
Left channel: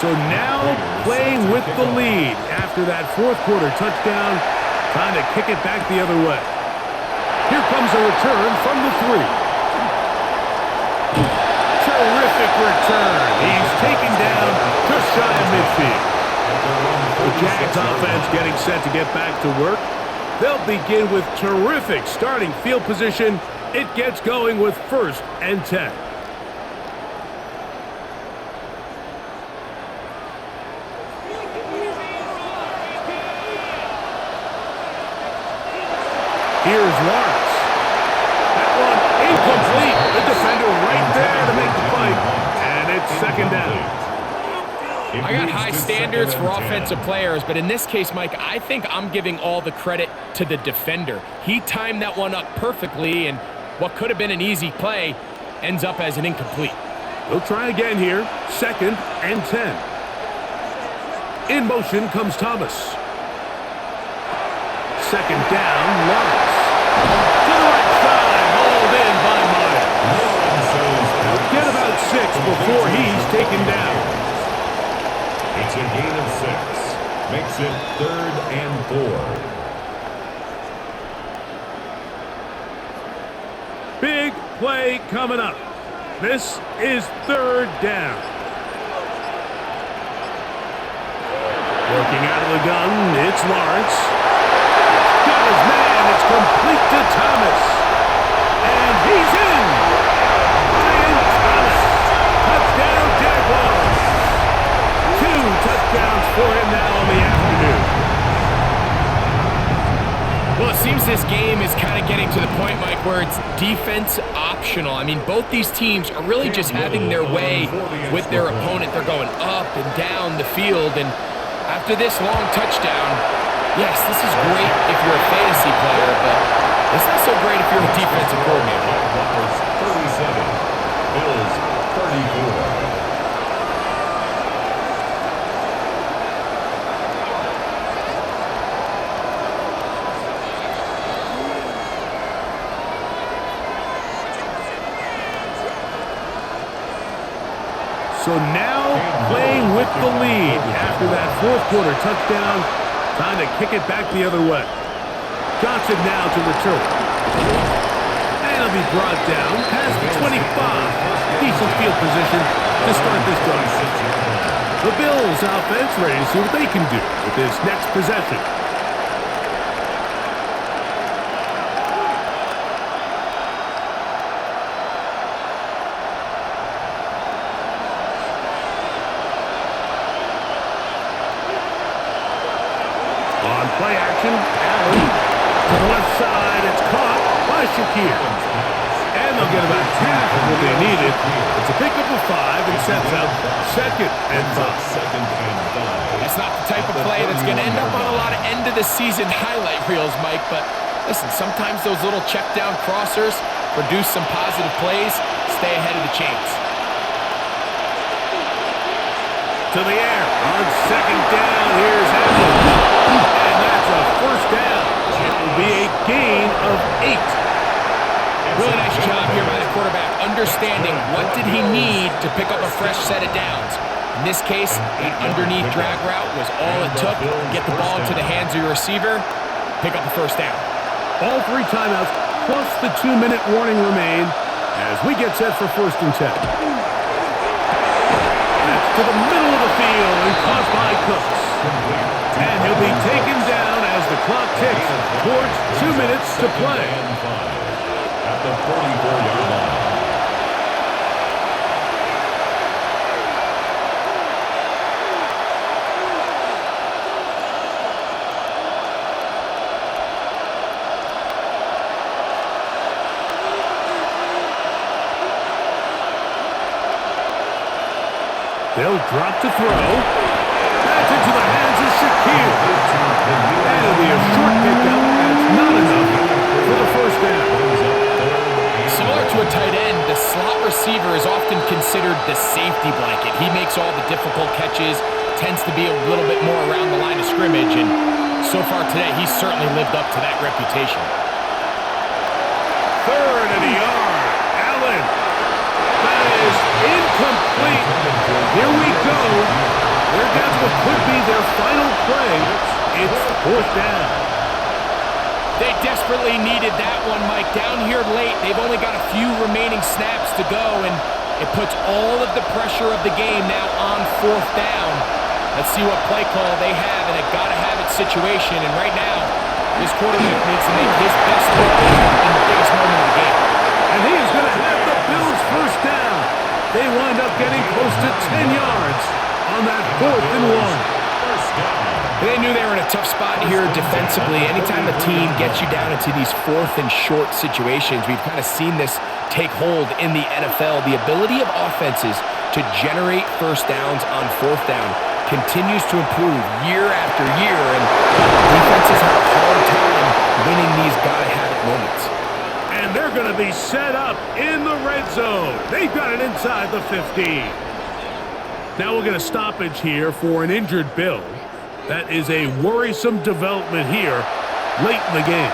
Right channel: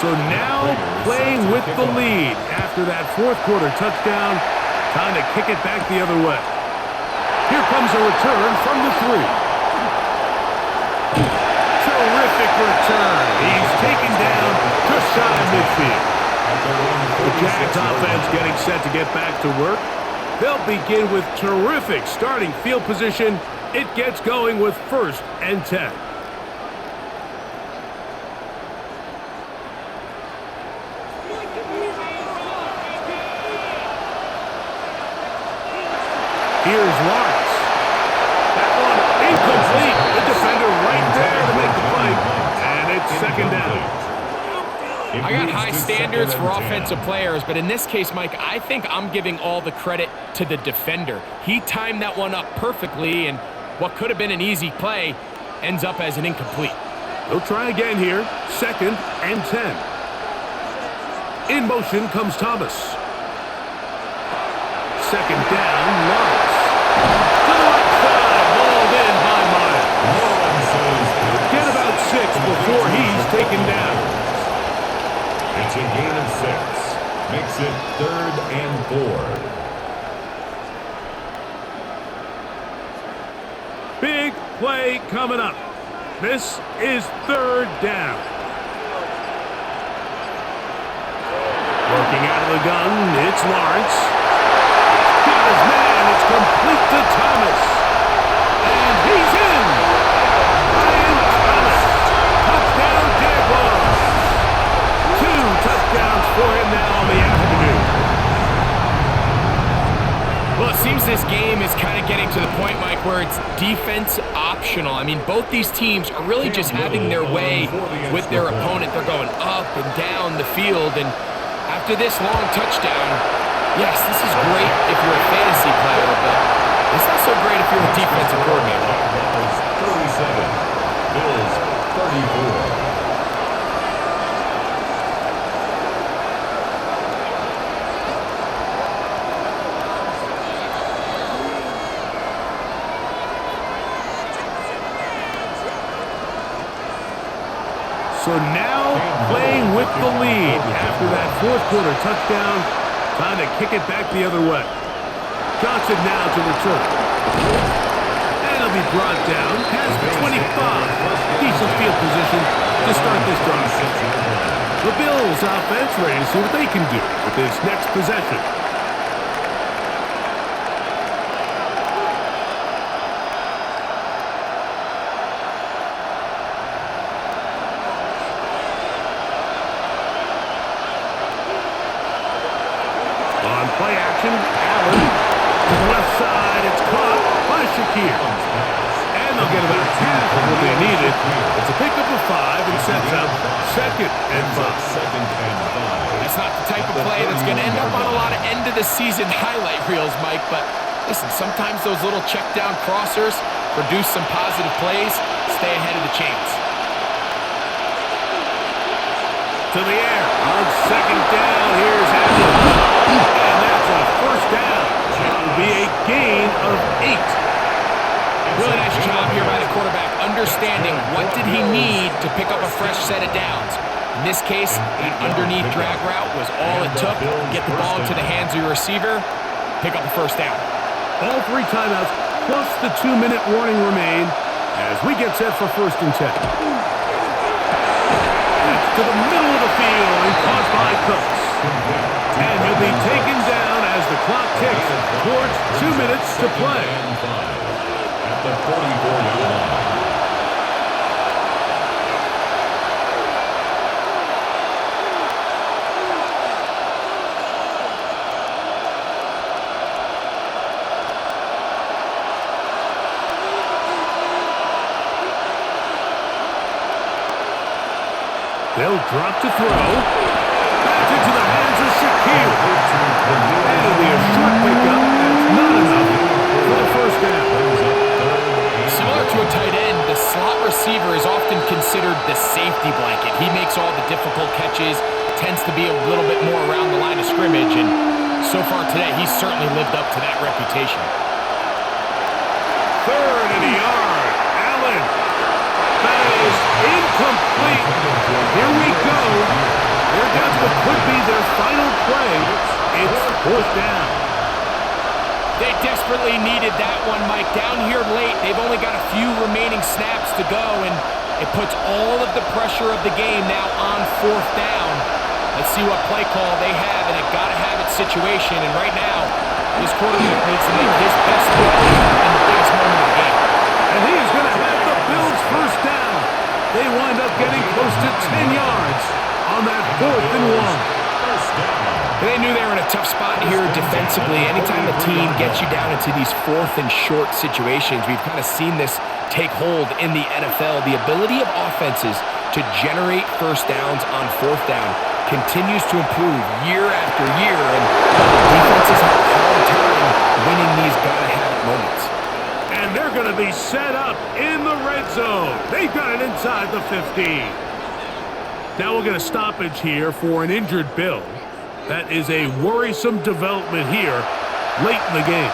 So now playing with the lead after that fourth quarter touchdown, trying to kick it back the other way. Here comes a return from the 3. Terrific return. He's taken down just shy of midfield. The Jags offense getting set to get back to work. They'll begin with terrific starting field position. It gets going with 1st and 10. Here's Lawrence. That one incomplete. The defender right there to make the play. And it's 2nd down. I got high standards for offensive players, but in this case, Mike, I think I'm giving all the credit to the defender. He timed that one up perfectly, and what could have been an easy play ends up as an incomplete. They'll try again here. 2nd and 10. In motion comes Thomas. Second down, Lawrence. To the right side, hauled in by Myers. He'll get about 6 before he's taken down. It's a gain of 6. Makes it 3rd and 4. Big play coming up. This is 3rd down. Working out of the gun, it's Lawrence. Got his man, it's complete to Thomas. And he's in. Ryan Thomas. Touchdown, Jaguars. 2 touchdowns for him now on the afternoon. Well, it seems this game is kind of getting to the point, Mike, where it's defense optional. I mean, both these teams are really just having their way with their opponent. They're going up and down the field, and after this long touchdown, yes, this is great if you're a fantasy player, but it's not so great if you're a defensive coordinator. Jaguars 37, Bills 34. So now playing with the lead after that 4th quarter touchdown. Time to kick it back the other way. Johnson now to return. And he'll be brought down past the 25. Decent field position to start this drive. The Bills offense ready to see what they can do with this next possession. On play action, Allen to the left side. It's caught by Shakir. And they'll get about half of what they needed. It's a pickup of 5 and sets up 2nd and 5. That's not the type of play that's going to end up on a lot of end-of-the-season highlight reels, Mike. But listen, sometimes those little check-down crossers produce some positive plays. Stay ahead of the chains. To the air on 2nd down. Here's Allen. And that's a 1st down. It will be a gain of 8. Really nice job here by the quarterback, understanding what did he need to pick up a fresh set of downs. In this case, that underneath drag route was all it took. Get the ball into the hands of your receiver, pick up a 1st down. All 3 timeouts plus the 2-minute warning remain as we get set for 1st and 10. That's to the middle of the field and caught by Cooks. And he'll be taken down as the clock ticks towards 2 minutes to play. At the 44-yard line. They'll drop to throw. Back into the hands of Shakir. And it'll be a short pickup. That's not enough for the 1st down. Similar to a tight end, the slot receiver is often considered the safety blanket. He makes all the difficult catches, tends to be a little bit more around the line of scrimmage, and so far today, he's certainly lived up to that reputation. 3rd and a yard. Allen. That is incomplete. Here we go. They're down to what could be their final play. It's 4th down. They desperately needed that one, Mike. Down here late, they've only got a few remaining snaps to go, and it puts all of the pressure of the game now on 4th down. Let's see what play call they have in a gotta-have-it situation, and right now, this quarterback needs to make his best throw in the biggest moment of the game. And he is going to have the Bills' 1st down. They wind up getting close to 10 yards on that 4th and 1. 1st down. They knew they were in a tough spot here defensively. Anytime a team gets you down into these 4th and short situations, we've kind of seen this take hold in the NFL. The ability of offenses to generate 1st downs on 4th down continues to improve year after year, and defenses have a hard time winning these gotta-have-it moments. And they're going to be set up in the red zone. They've got it inside the 15. Now we'll get a stoppage here for an injured Bill. That is a worrisome development here late in the game.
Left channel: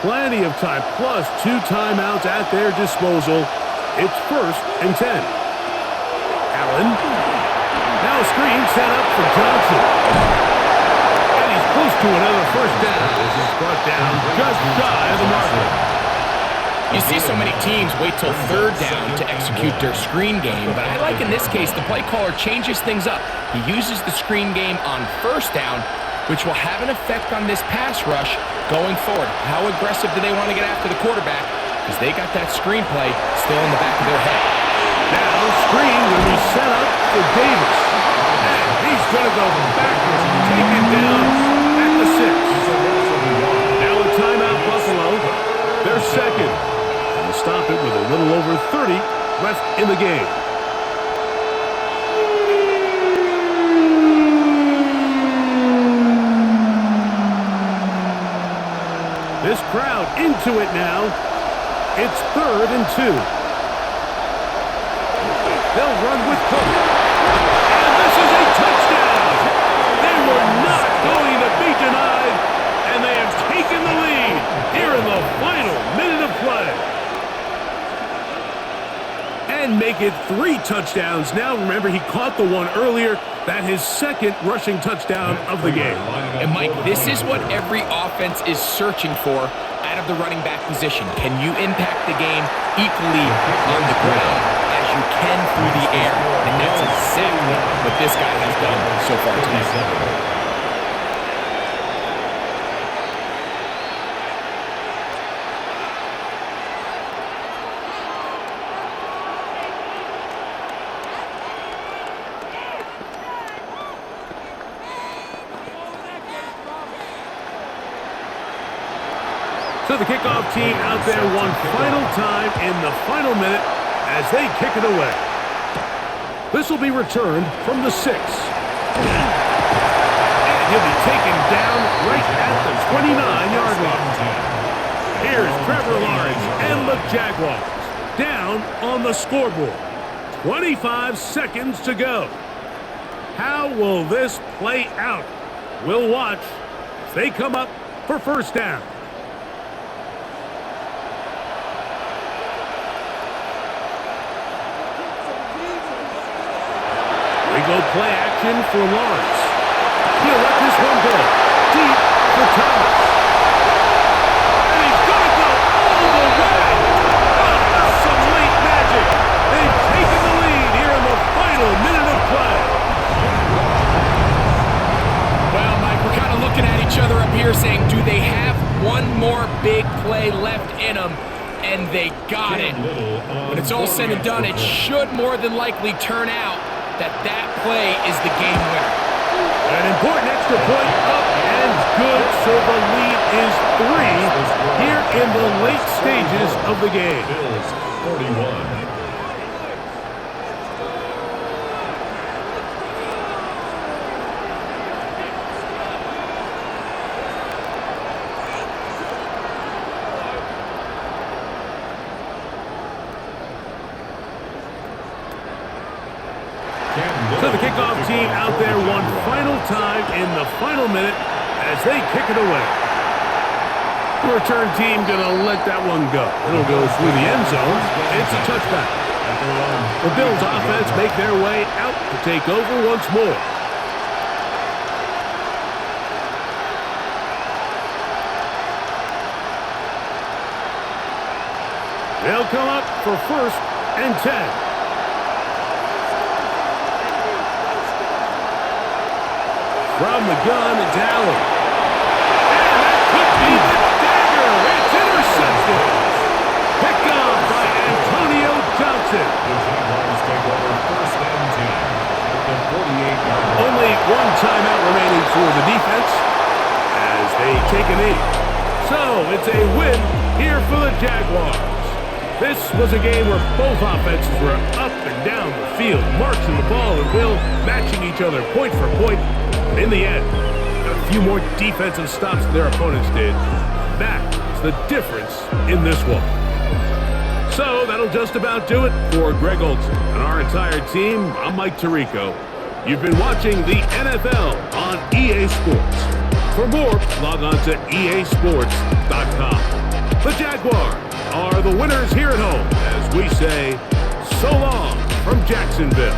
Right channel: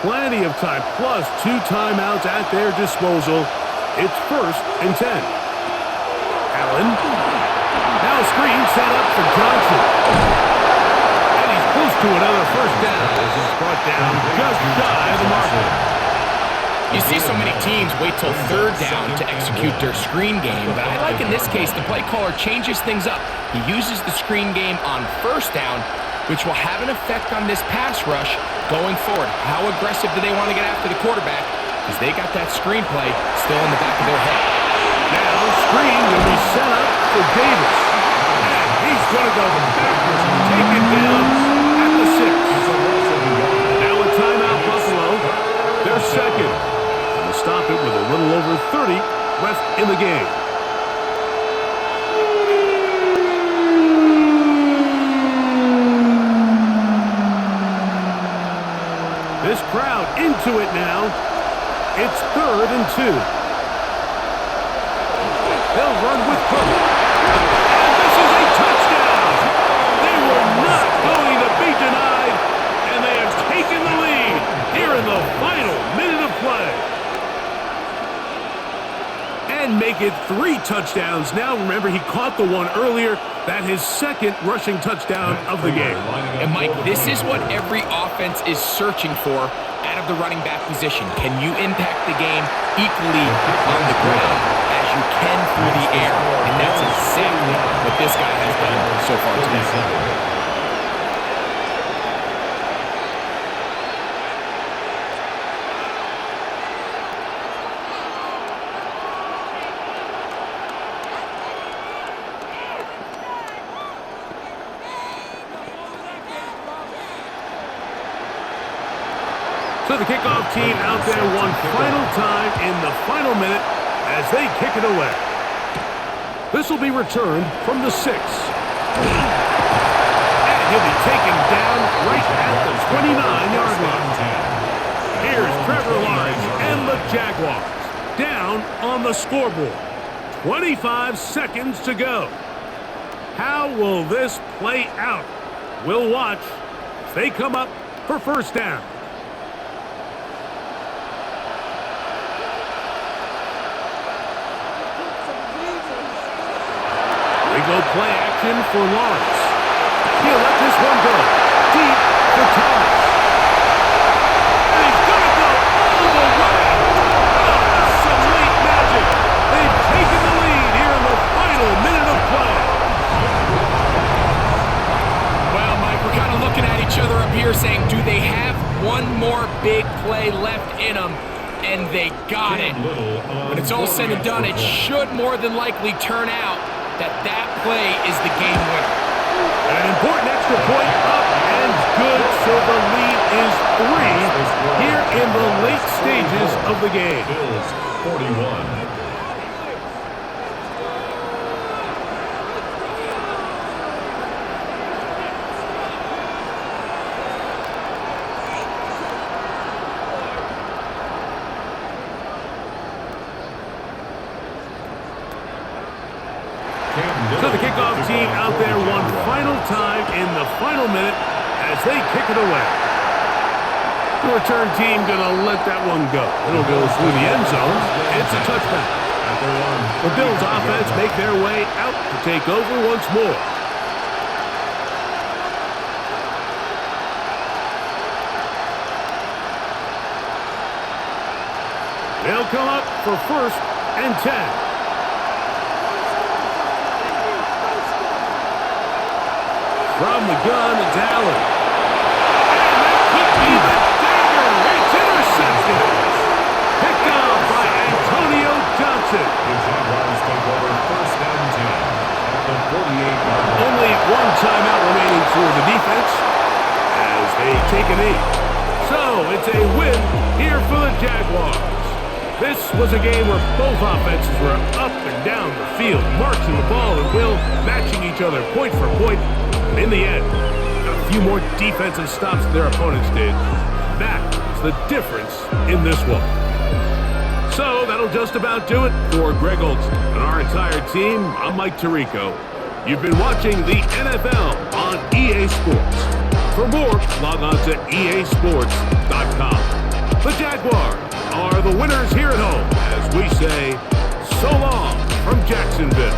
Plenty of time, plus 2 timeouts at their disposal. It's 1st and 10. Allen. Now a screen set up for Johnson. And he's close to another first down as he's brought down just shy of the marker. You see so many teams wait till 3rd down to execute their screen game, but I like in this case the play caller changes things up. He uses the screen game on 1st down, which will have an effect on this pass rush going forward. How aggressive do they want to get after the quarterback? Because they got that screen play still in the back of their head. Now, screen going to be set up for Davis. And he's going to go backwards, taken down at the 6. Now a timeout, Buffalo. They're 2nd. And they'll stop it with a little over 30 left in the game. This crowd into it now. It's 3rd and 2. They'll run with Cook. And this is a touchdown. They were not going to be denied. And they have taken the lead here in the final minute of play. And make it 3 touchdowns. Now, remember, he caught the one earlier. That his 2nd rushing touchdown of the game. And, Mike, this is what every offense is searching for out of the running back position. Can you impact the game equally on the ground as you can through the air? And that's exactly what this guy has done so far today. So the kickoff team out there one final time in the final minute as they kick it away. This will be returned from the 6. And he'll be taken down right at the 29-yard line. Here's Trevor Lawrence and the Jaguars down on the scoreboard. 25 seconds to go. How will this play out? We'll watch as they come up for first down. They go play action for Lawrence. He'll let this one go deep for Thomas. And he's going to go all the way. Oh, that's some late magic. They've taken the lead here in the final minute of play. Well, Mike, we're kind of looking at each other up here saying, do they have one more big play left in them? And they got it. When it's all said and done, it should more than likely turn out that play is the game winner. An important extra point up and good, so the lead is 3 here in the late stages of the game. Bills 41. So the kickoff team out there one final time in the final minute as they kick it away. The return team going to let that one go. It'll go through the end zone. It's a touchback. The Bills offense make their way out to take over once more. They'll come up for 1st and 10. From the gun, it's Allen. And that could be the dagger. It's intercepted. Picked off by Antonio Johnson. The Jaguars take over 1st and 10 at the 48-yard line. Only one timeout remaining for the defense as they take a knee. So it's a win here for the Jaguars. This was a game where both offenses were up and down the field, marching the ball at will, matching each other point for point. In the end, got a few more defensive stops than their opponents did. That is the difference in this one. So that'll just about do it for Greg Olson and our entire team. I'm Mike Tirico. You've been watching the NFL on EA Sports. For more, log on to easports.com. The Jaguars are the winners here at home as we say, so long from Jacksonville.